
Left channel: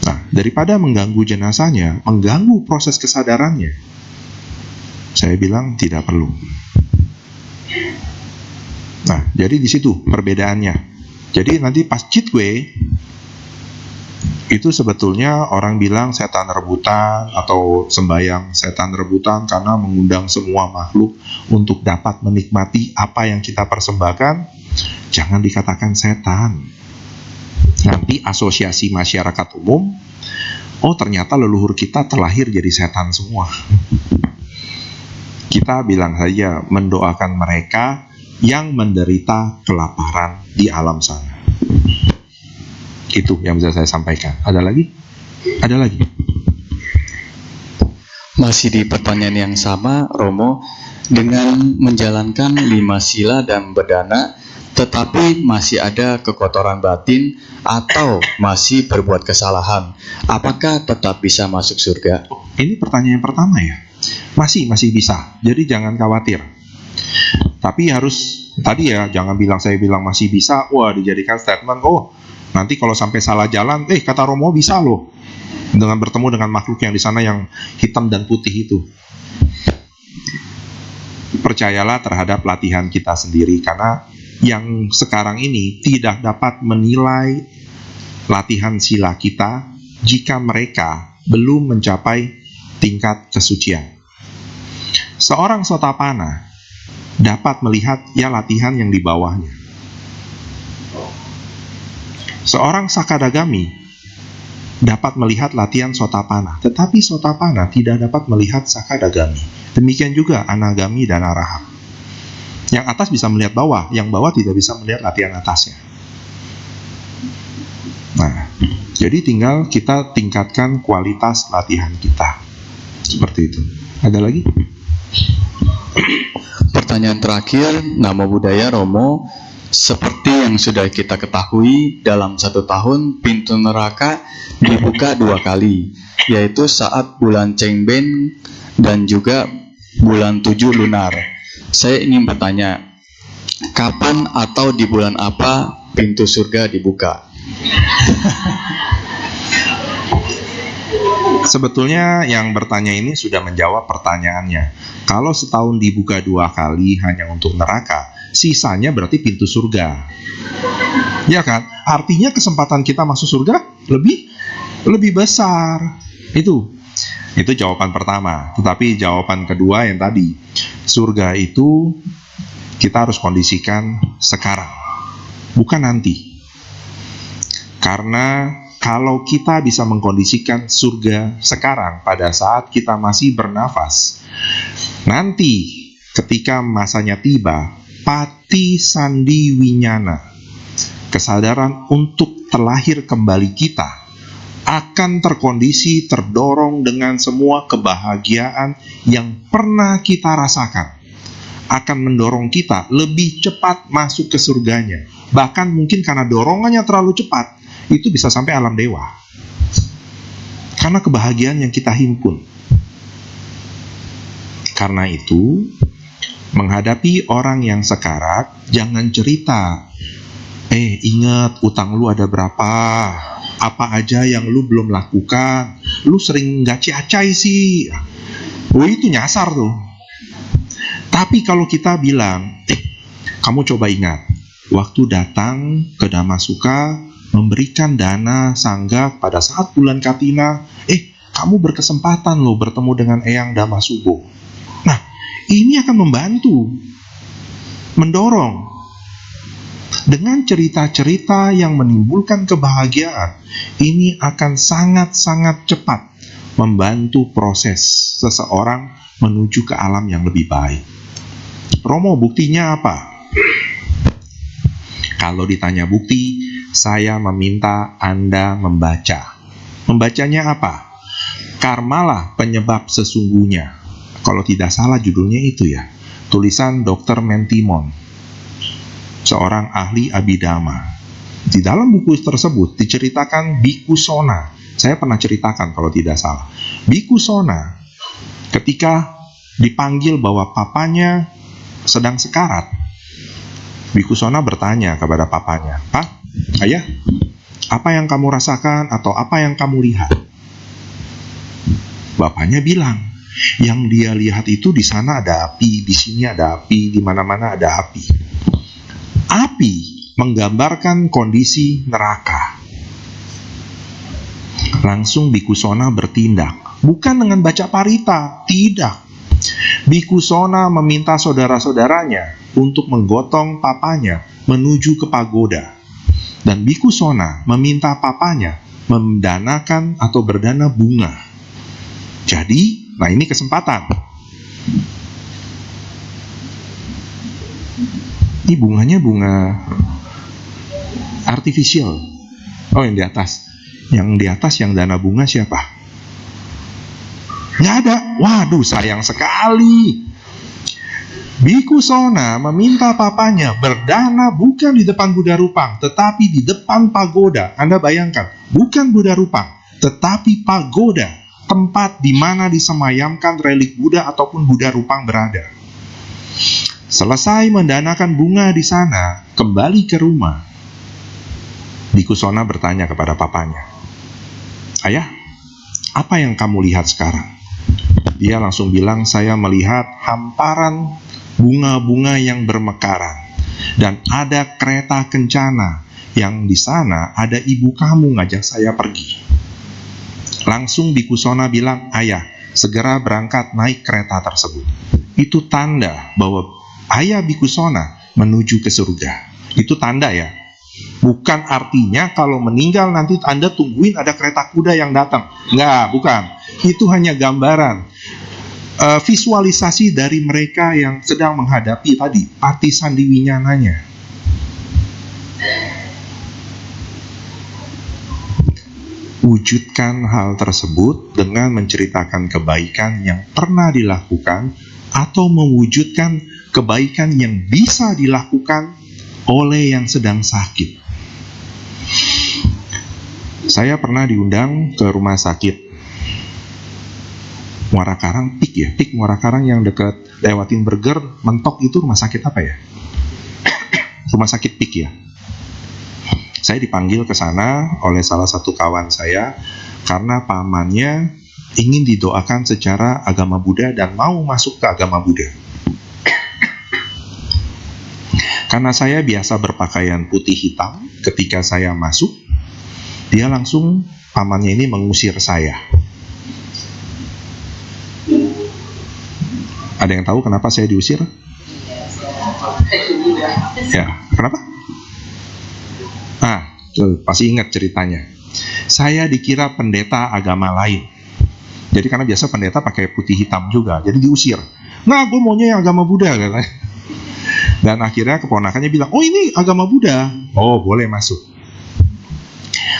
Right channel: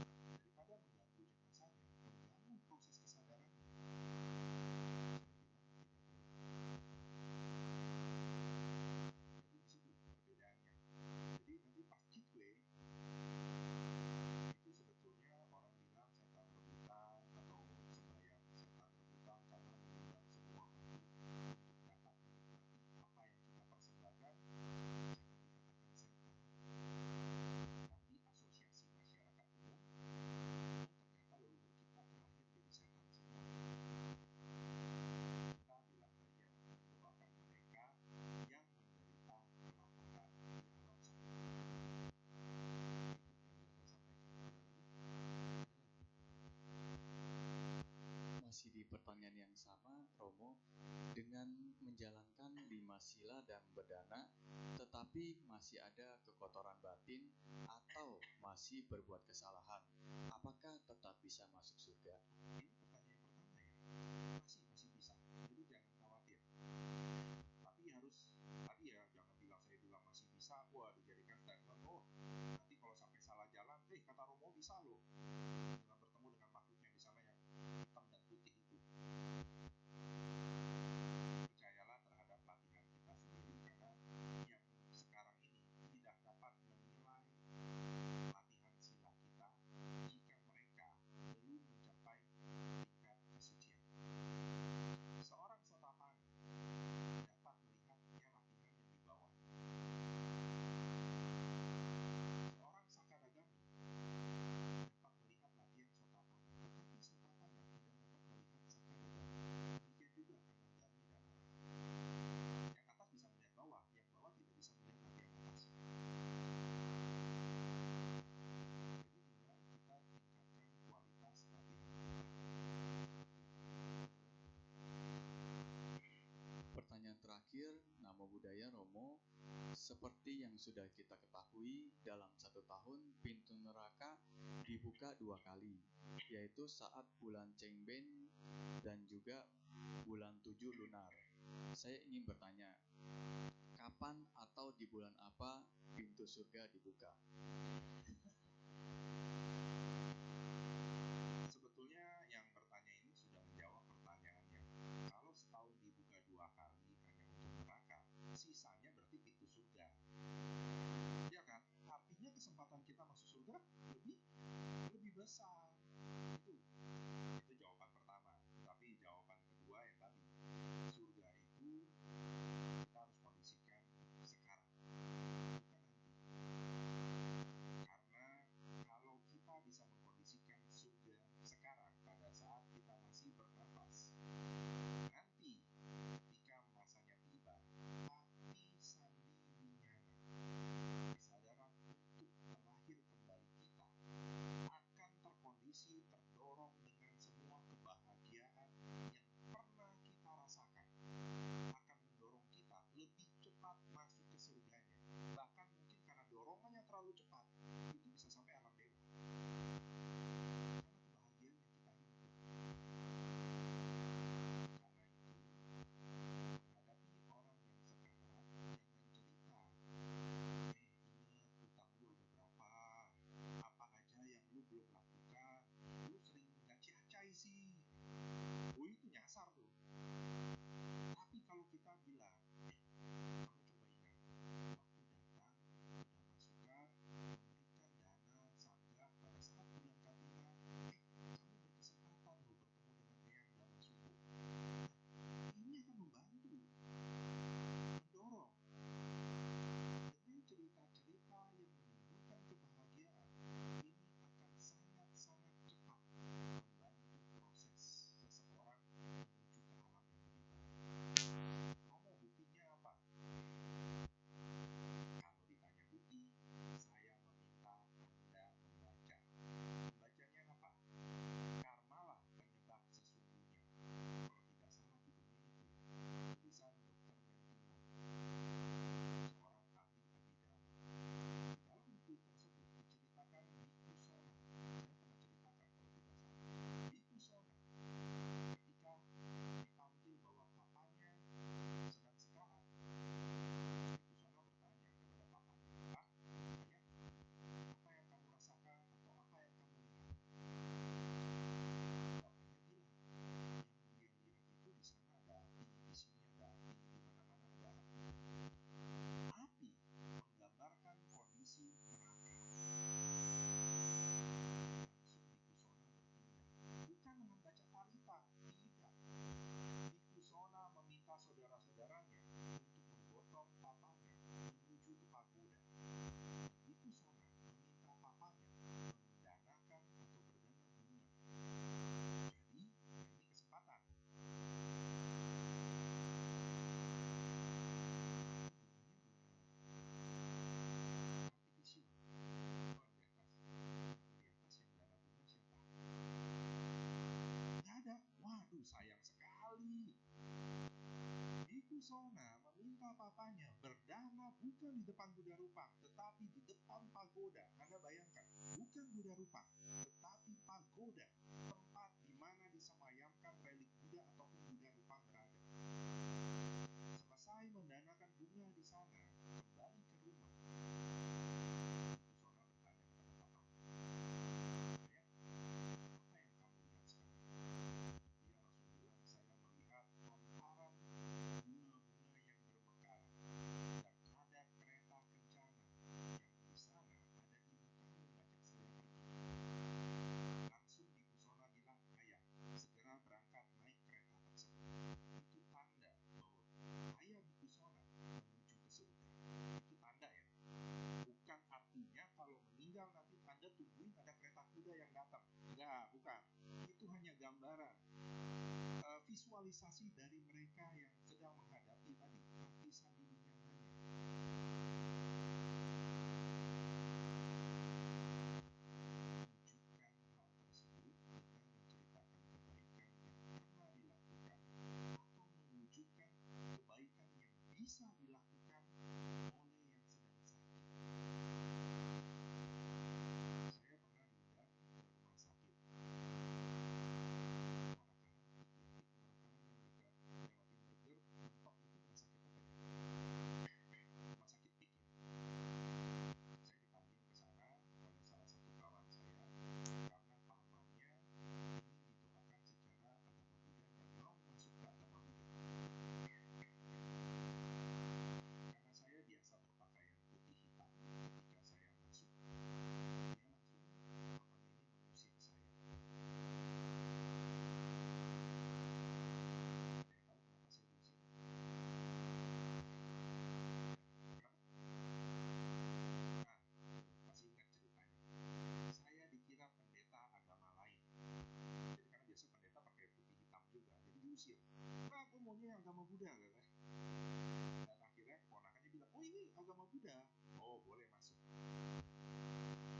Nah, daripada mengganggu jenazahnya, mengganggu proses kesadarannya, saya bilang tidak perlu. Nah, jadi di situ perbedaannya. Jadi nanti pas Jitwe, itu sebetulnya orang bilang setan rebutan atau sembahyang setan rebutan karena mengundang semua makhluk untuk dapat menikmati apa yang kita persembahkan. Jangan dikatakan setan. Nanti asosiasi masyarakat umum, oh ternyata leluhur kita terlahir jadi setan semua. Kita bilang saja mendoakan mereka yang menderita kelaparan di alam sana. Itu yang bisa saya sampaikan. Ada lagi? Ada lagi? Masih di pertanyaan yang sama, Romo, dengan menjalankan 5 sila dan berdana, tetapi masih ada kekotoran batin atau masih berbuat kesalahan, apakah tetap bisa masuk surga? Ini pertanyaan pertama ya. Masih bisa. Jadi jangan khawatir. Tapi harus tadi ya, jangan bilang saya bilang masih bisa, wah dijadikan statement, oh nanti kalau sampai salah jalan, kata Romo bisa loh, dengan bertemu dengan makhluk yang di sana yang hitam dan putih itu. Percayalah terhadap latihan kita sendiri, karena yang sekarang ini tidak dapat menilai latihan sila kita jika mereka belum mencapai tingkat kesucian. Seorang Sotapana dapat melihat ya latihan yang di bawahnya. Seorang Sakadagami dapat melihat latihan Sotapana, tetapi Sotapana tidak dapat melihat Sakadagami. Demikian juga Anagami dan Arahant. Yang atas bisa melihat bawah, yang bawah tidak bisa melihat latihan atasnya. Nah, jadi tinggal kita tingkatkan kualitas latihan kita. Seperti itu. Ada lagi? Pertanyaan terakhir, Namo Buddhaya, Romo. Seperti yang sudah kita ketahui, dalam 1 tahun pintu neraka dibuka 2 kali, yaitu saat bulan Cengben dan juga bulan 7 lunar. Saya ingin bertanya, kapan atau di bulan apa pintu surga dibuka? Sebetulnya yang bertanya ini sudah menjawab pertanyaannya. Kalau setahun dibuka 2 kali hanya untuk neraka, sisanya berarti pintu surga. Ya kan? Artinya kesempatan kita masuk surga lebih besar. Itu jawaban pertama. Tetapi jawaban kedua yang tadi, surga itu kita harus kondisikan sekarang, bukan nanti. Karena kalau kita bisa mengkondisikan surga sekarang pada saat kita masih bernafas, nanti ketika masanya tiba, pati sandi winyana, kesadaran untuk terlahir kembali kita, akan terkondisi terdorong dengan semua kebahagiaan yang pernah kita rasakan, akan mendorong kita lebih cepat masuk ke surganya. Bahkan mungkin karena dorongannya terlalu cepat, itu bisa sampai alam dewa. Karena kebahagiaan yang kita himpun. Karena itu, menghadapi orang yang sekarat, jangan cerita, ingat utang lu ada berapa, apa aja yang lu belum lakukan, lu sering gak ciacai sih. Itu nyasar tuh. Tapi kalau kita bilang, kamu coba ingat, waktu datang ke Damasuka, memberikan dana sangga pada saat bulan Katina, kamu berkesempatan loh bertemu dengan Eyang Damasubo. Nah, ini akan membantu, mendorong. Dengan cerita-cerita yang menimbulkan kebahagiaan, ini akan sangat-sangat cepat membantu proses seseorang menuju ke alam yang lebih baik. Romo, buktinya apa? Kalau ditanya bukti, saya meminta Anda membaca. Membacanya apa? Karmalah penyebab sesungguhnya. Kalau tidak salah judulnya itu ya. Tulisan Dr. Mentimon, seorang ahli abidama. Di dalam buku tersebut diceritakan Biku Sona. Saya pernah ceritakan kalau tidak salah. Biku Sona ketika dipanggil bahwa papanya sedang sekarat, Biku Sona bertanya kepada papanya, "Pak, ayah, apa yang kamu rasakan atau apa yang kamu lihat?" Bapaknya bilang, yang dia lihat itu di sana ada api, di sini ada api, di mana-mana ada api. Api menggambarkan kondisi neraka. Langsung Biku Sona bertindak, bukan dengan baca parita, tidak. Biku Sona meminta saudara-saudaranya untuk menggotong papanya menuju ke pagoda. Dan Biku Sona meminta papanya mendanakan atau berdana bunga. Jadi, nah ini kesempatan. Ini bunganya bunga artificial. Oh, yang di atas. Yang di atas yang dana bunga siapa? Nggak ada. Waduh, sayang sekali. Biku Sona meminta papanya berdana bukan di depan Buddha Rupang, tetapi di depan pagoda. Anda bayangkan, bukan Buddha Rupang, tetapi pagoda, tempat di mana disemayamkan relik Buddha ataupun Buddha Rupang berada. Selesai mendanakan bunga di sana, kembali ke rumah. Biku Sona bertanya kepada papanya, "Ayah, apa yang kamu lihat sekarang?" Dia langsung bilang, "Saya melihat hamparan bunga-bunga yang bermekaran. Dan ada kereta kencana yang di sana ada ibu kamu ngajak saya pergi." Langsung Biku Sona bilang, "Ayah, segera berangkat naik kereta tersebut." Itu tanda bahwa ayah Biku Sona menuju ke surga. Itu tanda ya. Bukan artinya kalau meninggal nanti Anda tungguin ada kereta kuda yang datang. Enggak, bukan. Itu hanya gambaran. Visualisasi dari mereka yang sedang menghadapi tadi pati sandi winyananya. Wujudkan hal tersebut dengan menceritakan kebaikan yang pernah dilakukan atau mewujudkan kebaikan yang bisa dilakukan oleh yang sedang sakit. Saya pernah diundang ke rumah sakit Muara Karang, PIK Muara Karang yang dekat lewatin Burger, mentok itu rumah sakit apa ya? Rumah sakit PIK ya. Saya dipanggil ke sana oleh salah satu kawan saya karena pamannya ingin didoakan secara agama Buddha dan mau masuk ke agama Buddha. Karena saya biasa berpakaian putih hitam, ketika saya masuk, dia langsung, pamannya ini mengusir saya. Ada yang tahu kenapa saya diusir? Ya, kenapa? Pasti ingat ceritanya. Saya dikira pendeta agama lain. Jadi karena biasa pendeta pakai putih hitam juga, jadi diusir. Nah, gue maunya yang agama Buddha, katanya. Dan akhirnya keponakannya bilang, oh ini agama Buddha. Oh, boleh masuk.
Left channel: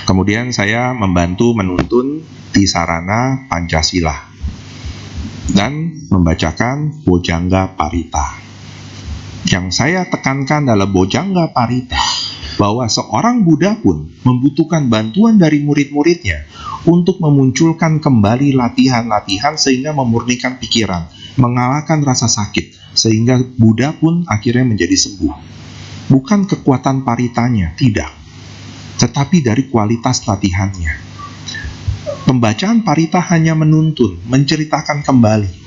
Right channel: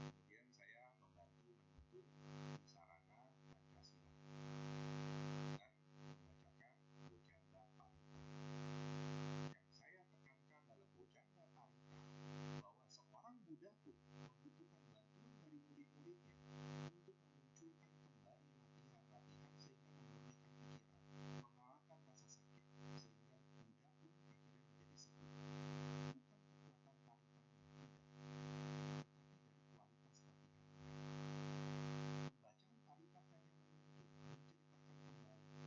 Kemudian saya membantu menuntun di sarana Pancasila dan membacakan Bojangga Parita. Yang saya tekankan dalam Bojangga Parita, bahwa seorang Buddha pun membutuhkan bantuan dari murid-muridnya untuk memunculkan kembali latihan-latihan sehingga memurnikan pikiran, mengalahkan rasa sakit, sehingga Buddha pun akhirnya menjadi sembuh. Bukan kekuatan paritanya, tidak, tetapi dari kualitas latihannya. Pembacaan parita hanya menuntun, menceritakan kembali.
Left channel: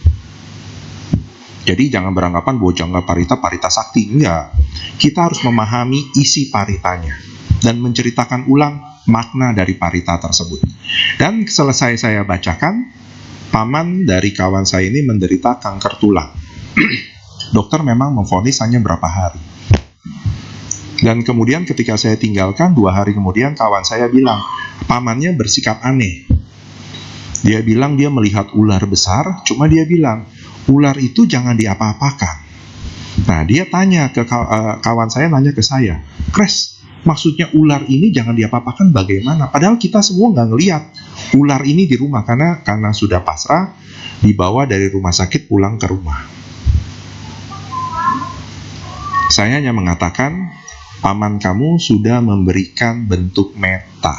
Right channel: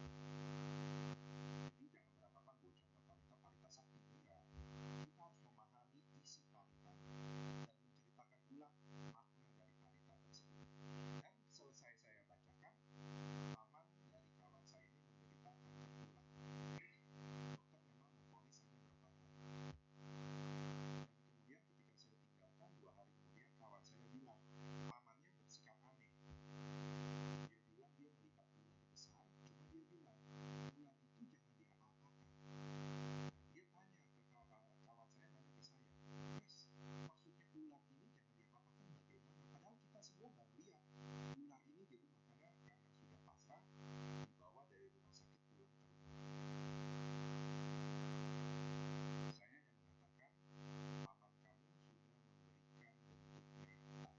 Jadi jangan beranggapan Bojangga Parita, parita sakti. Enggak. Kita harus memahami isi paritanya dan menceritakan ulang makna dari parita tersebut. Dan selesai saya bacakan, paman dari kawan saya ini menderita kanker tulang. Dokter memang memvonis hanya berapa hari. Dan kemudian ketika saya tinggalkan, 2 hari kemudian kawan saya bilang, pamannya bersikap aneh. Dia bilang dia melihat ular besar, cuma dia bilang, ular itu jangan diapa-apakan. Nah, dia tanya ke kawan saya, nanya ke saya, Kres, maksudnya ular ini jangan diapa-apakan bagaimana? Padahal kita semua nggak ngelihat ular ini di rumah, karena sudah pasrah, dibawa dari rumah sakit pulang ke rumah. Saya hanya mengatakan, paman kamu sudah memberikan bentuk meta,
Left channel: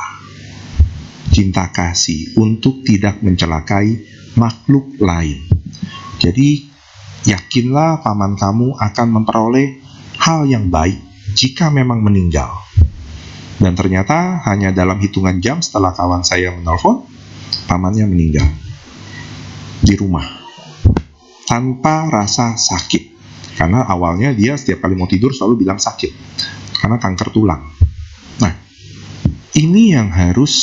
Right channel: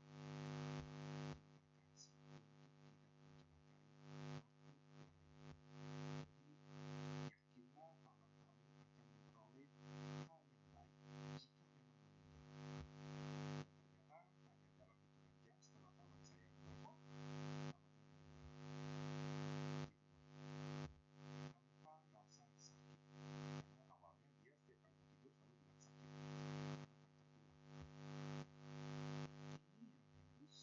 cinta kasih, untuk tidak mencelakai makhluk lain. Jadi, yakinlah paman kamu akan memperoleh hal yang baik jika memang meninggal. Dan ternyata hanya dalam hitungan jam setelah kawan saya menelpon, pamannya meninggal di rumah tanpa rasa sakit. Karena awalnya dia setiap kali mau tidur selalu bilang sakit karena kanker tulang. Nah, ini yang harus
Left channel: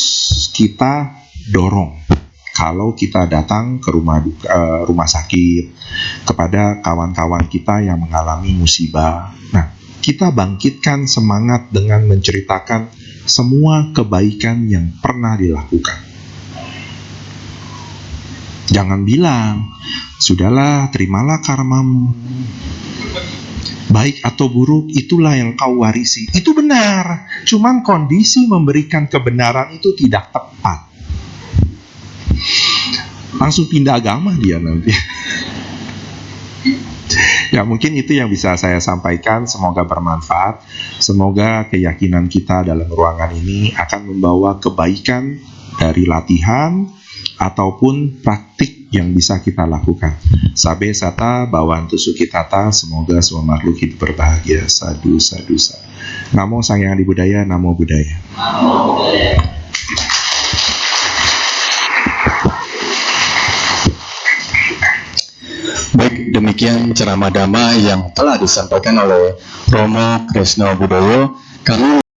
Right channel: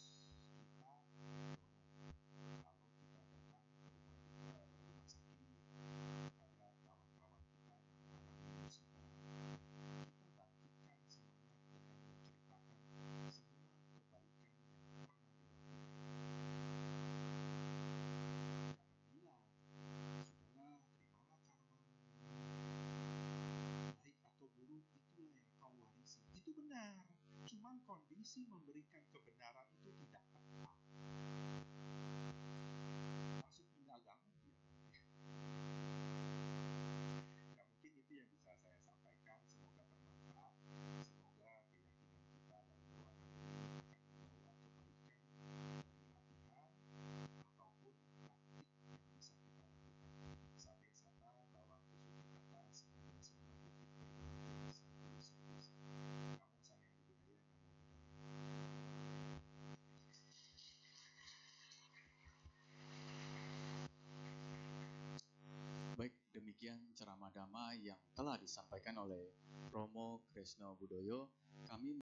kita dorong. Kalau kita datang ke rumah sakit, kepada kawan-kawan kita yang mengalami musibah, nah, kita bangkitkan semangat dengan menceritakan semua kebaikan yang pernah dilakukan. Jangan bilang, sudahlah, terimalah karmamu. Baik atau buruk, itulah yang kau warisi. Itu benar, cuman kondisi memberikan kebenaran itu tidak tepat. Langsung pindah agama dia nanti. Ya, mungkin itu yang bisa saya sampaikan. Semoga bermanfaat. Semoga keyakinan kita dalam ruangan ini akan membawa kebaikan dari latihan ataupun praktik yang bisa kita lakukan. Sabe sata bawantu sukitata, semoga semua makhluk hidup berbahagia. Sadu, sadu, sadu. Namo Sang Hyang Adi Budaya, Namo Buddhaya. Baik, demikian ceramah dhamma yang telah disampaikan oleh Romo Kresno Budoyo. Kami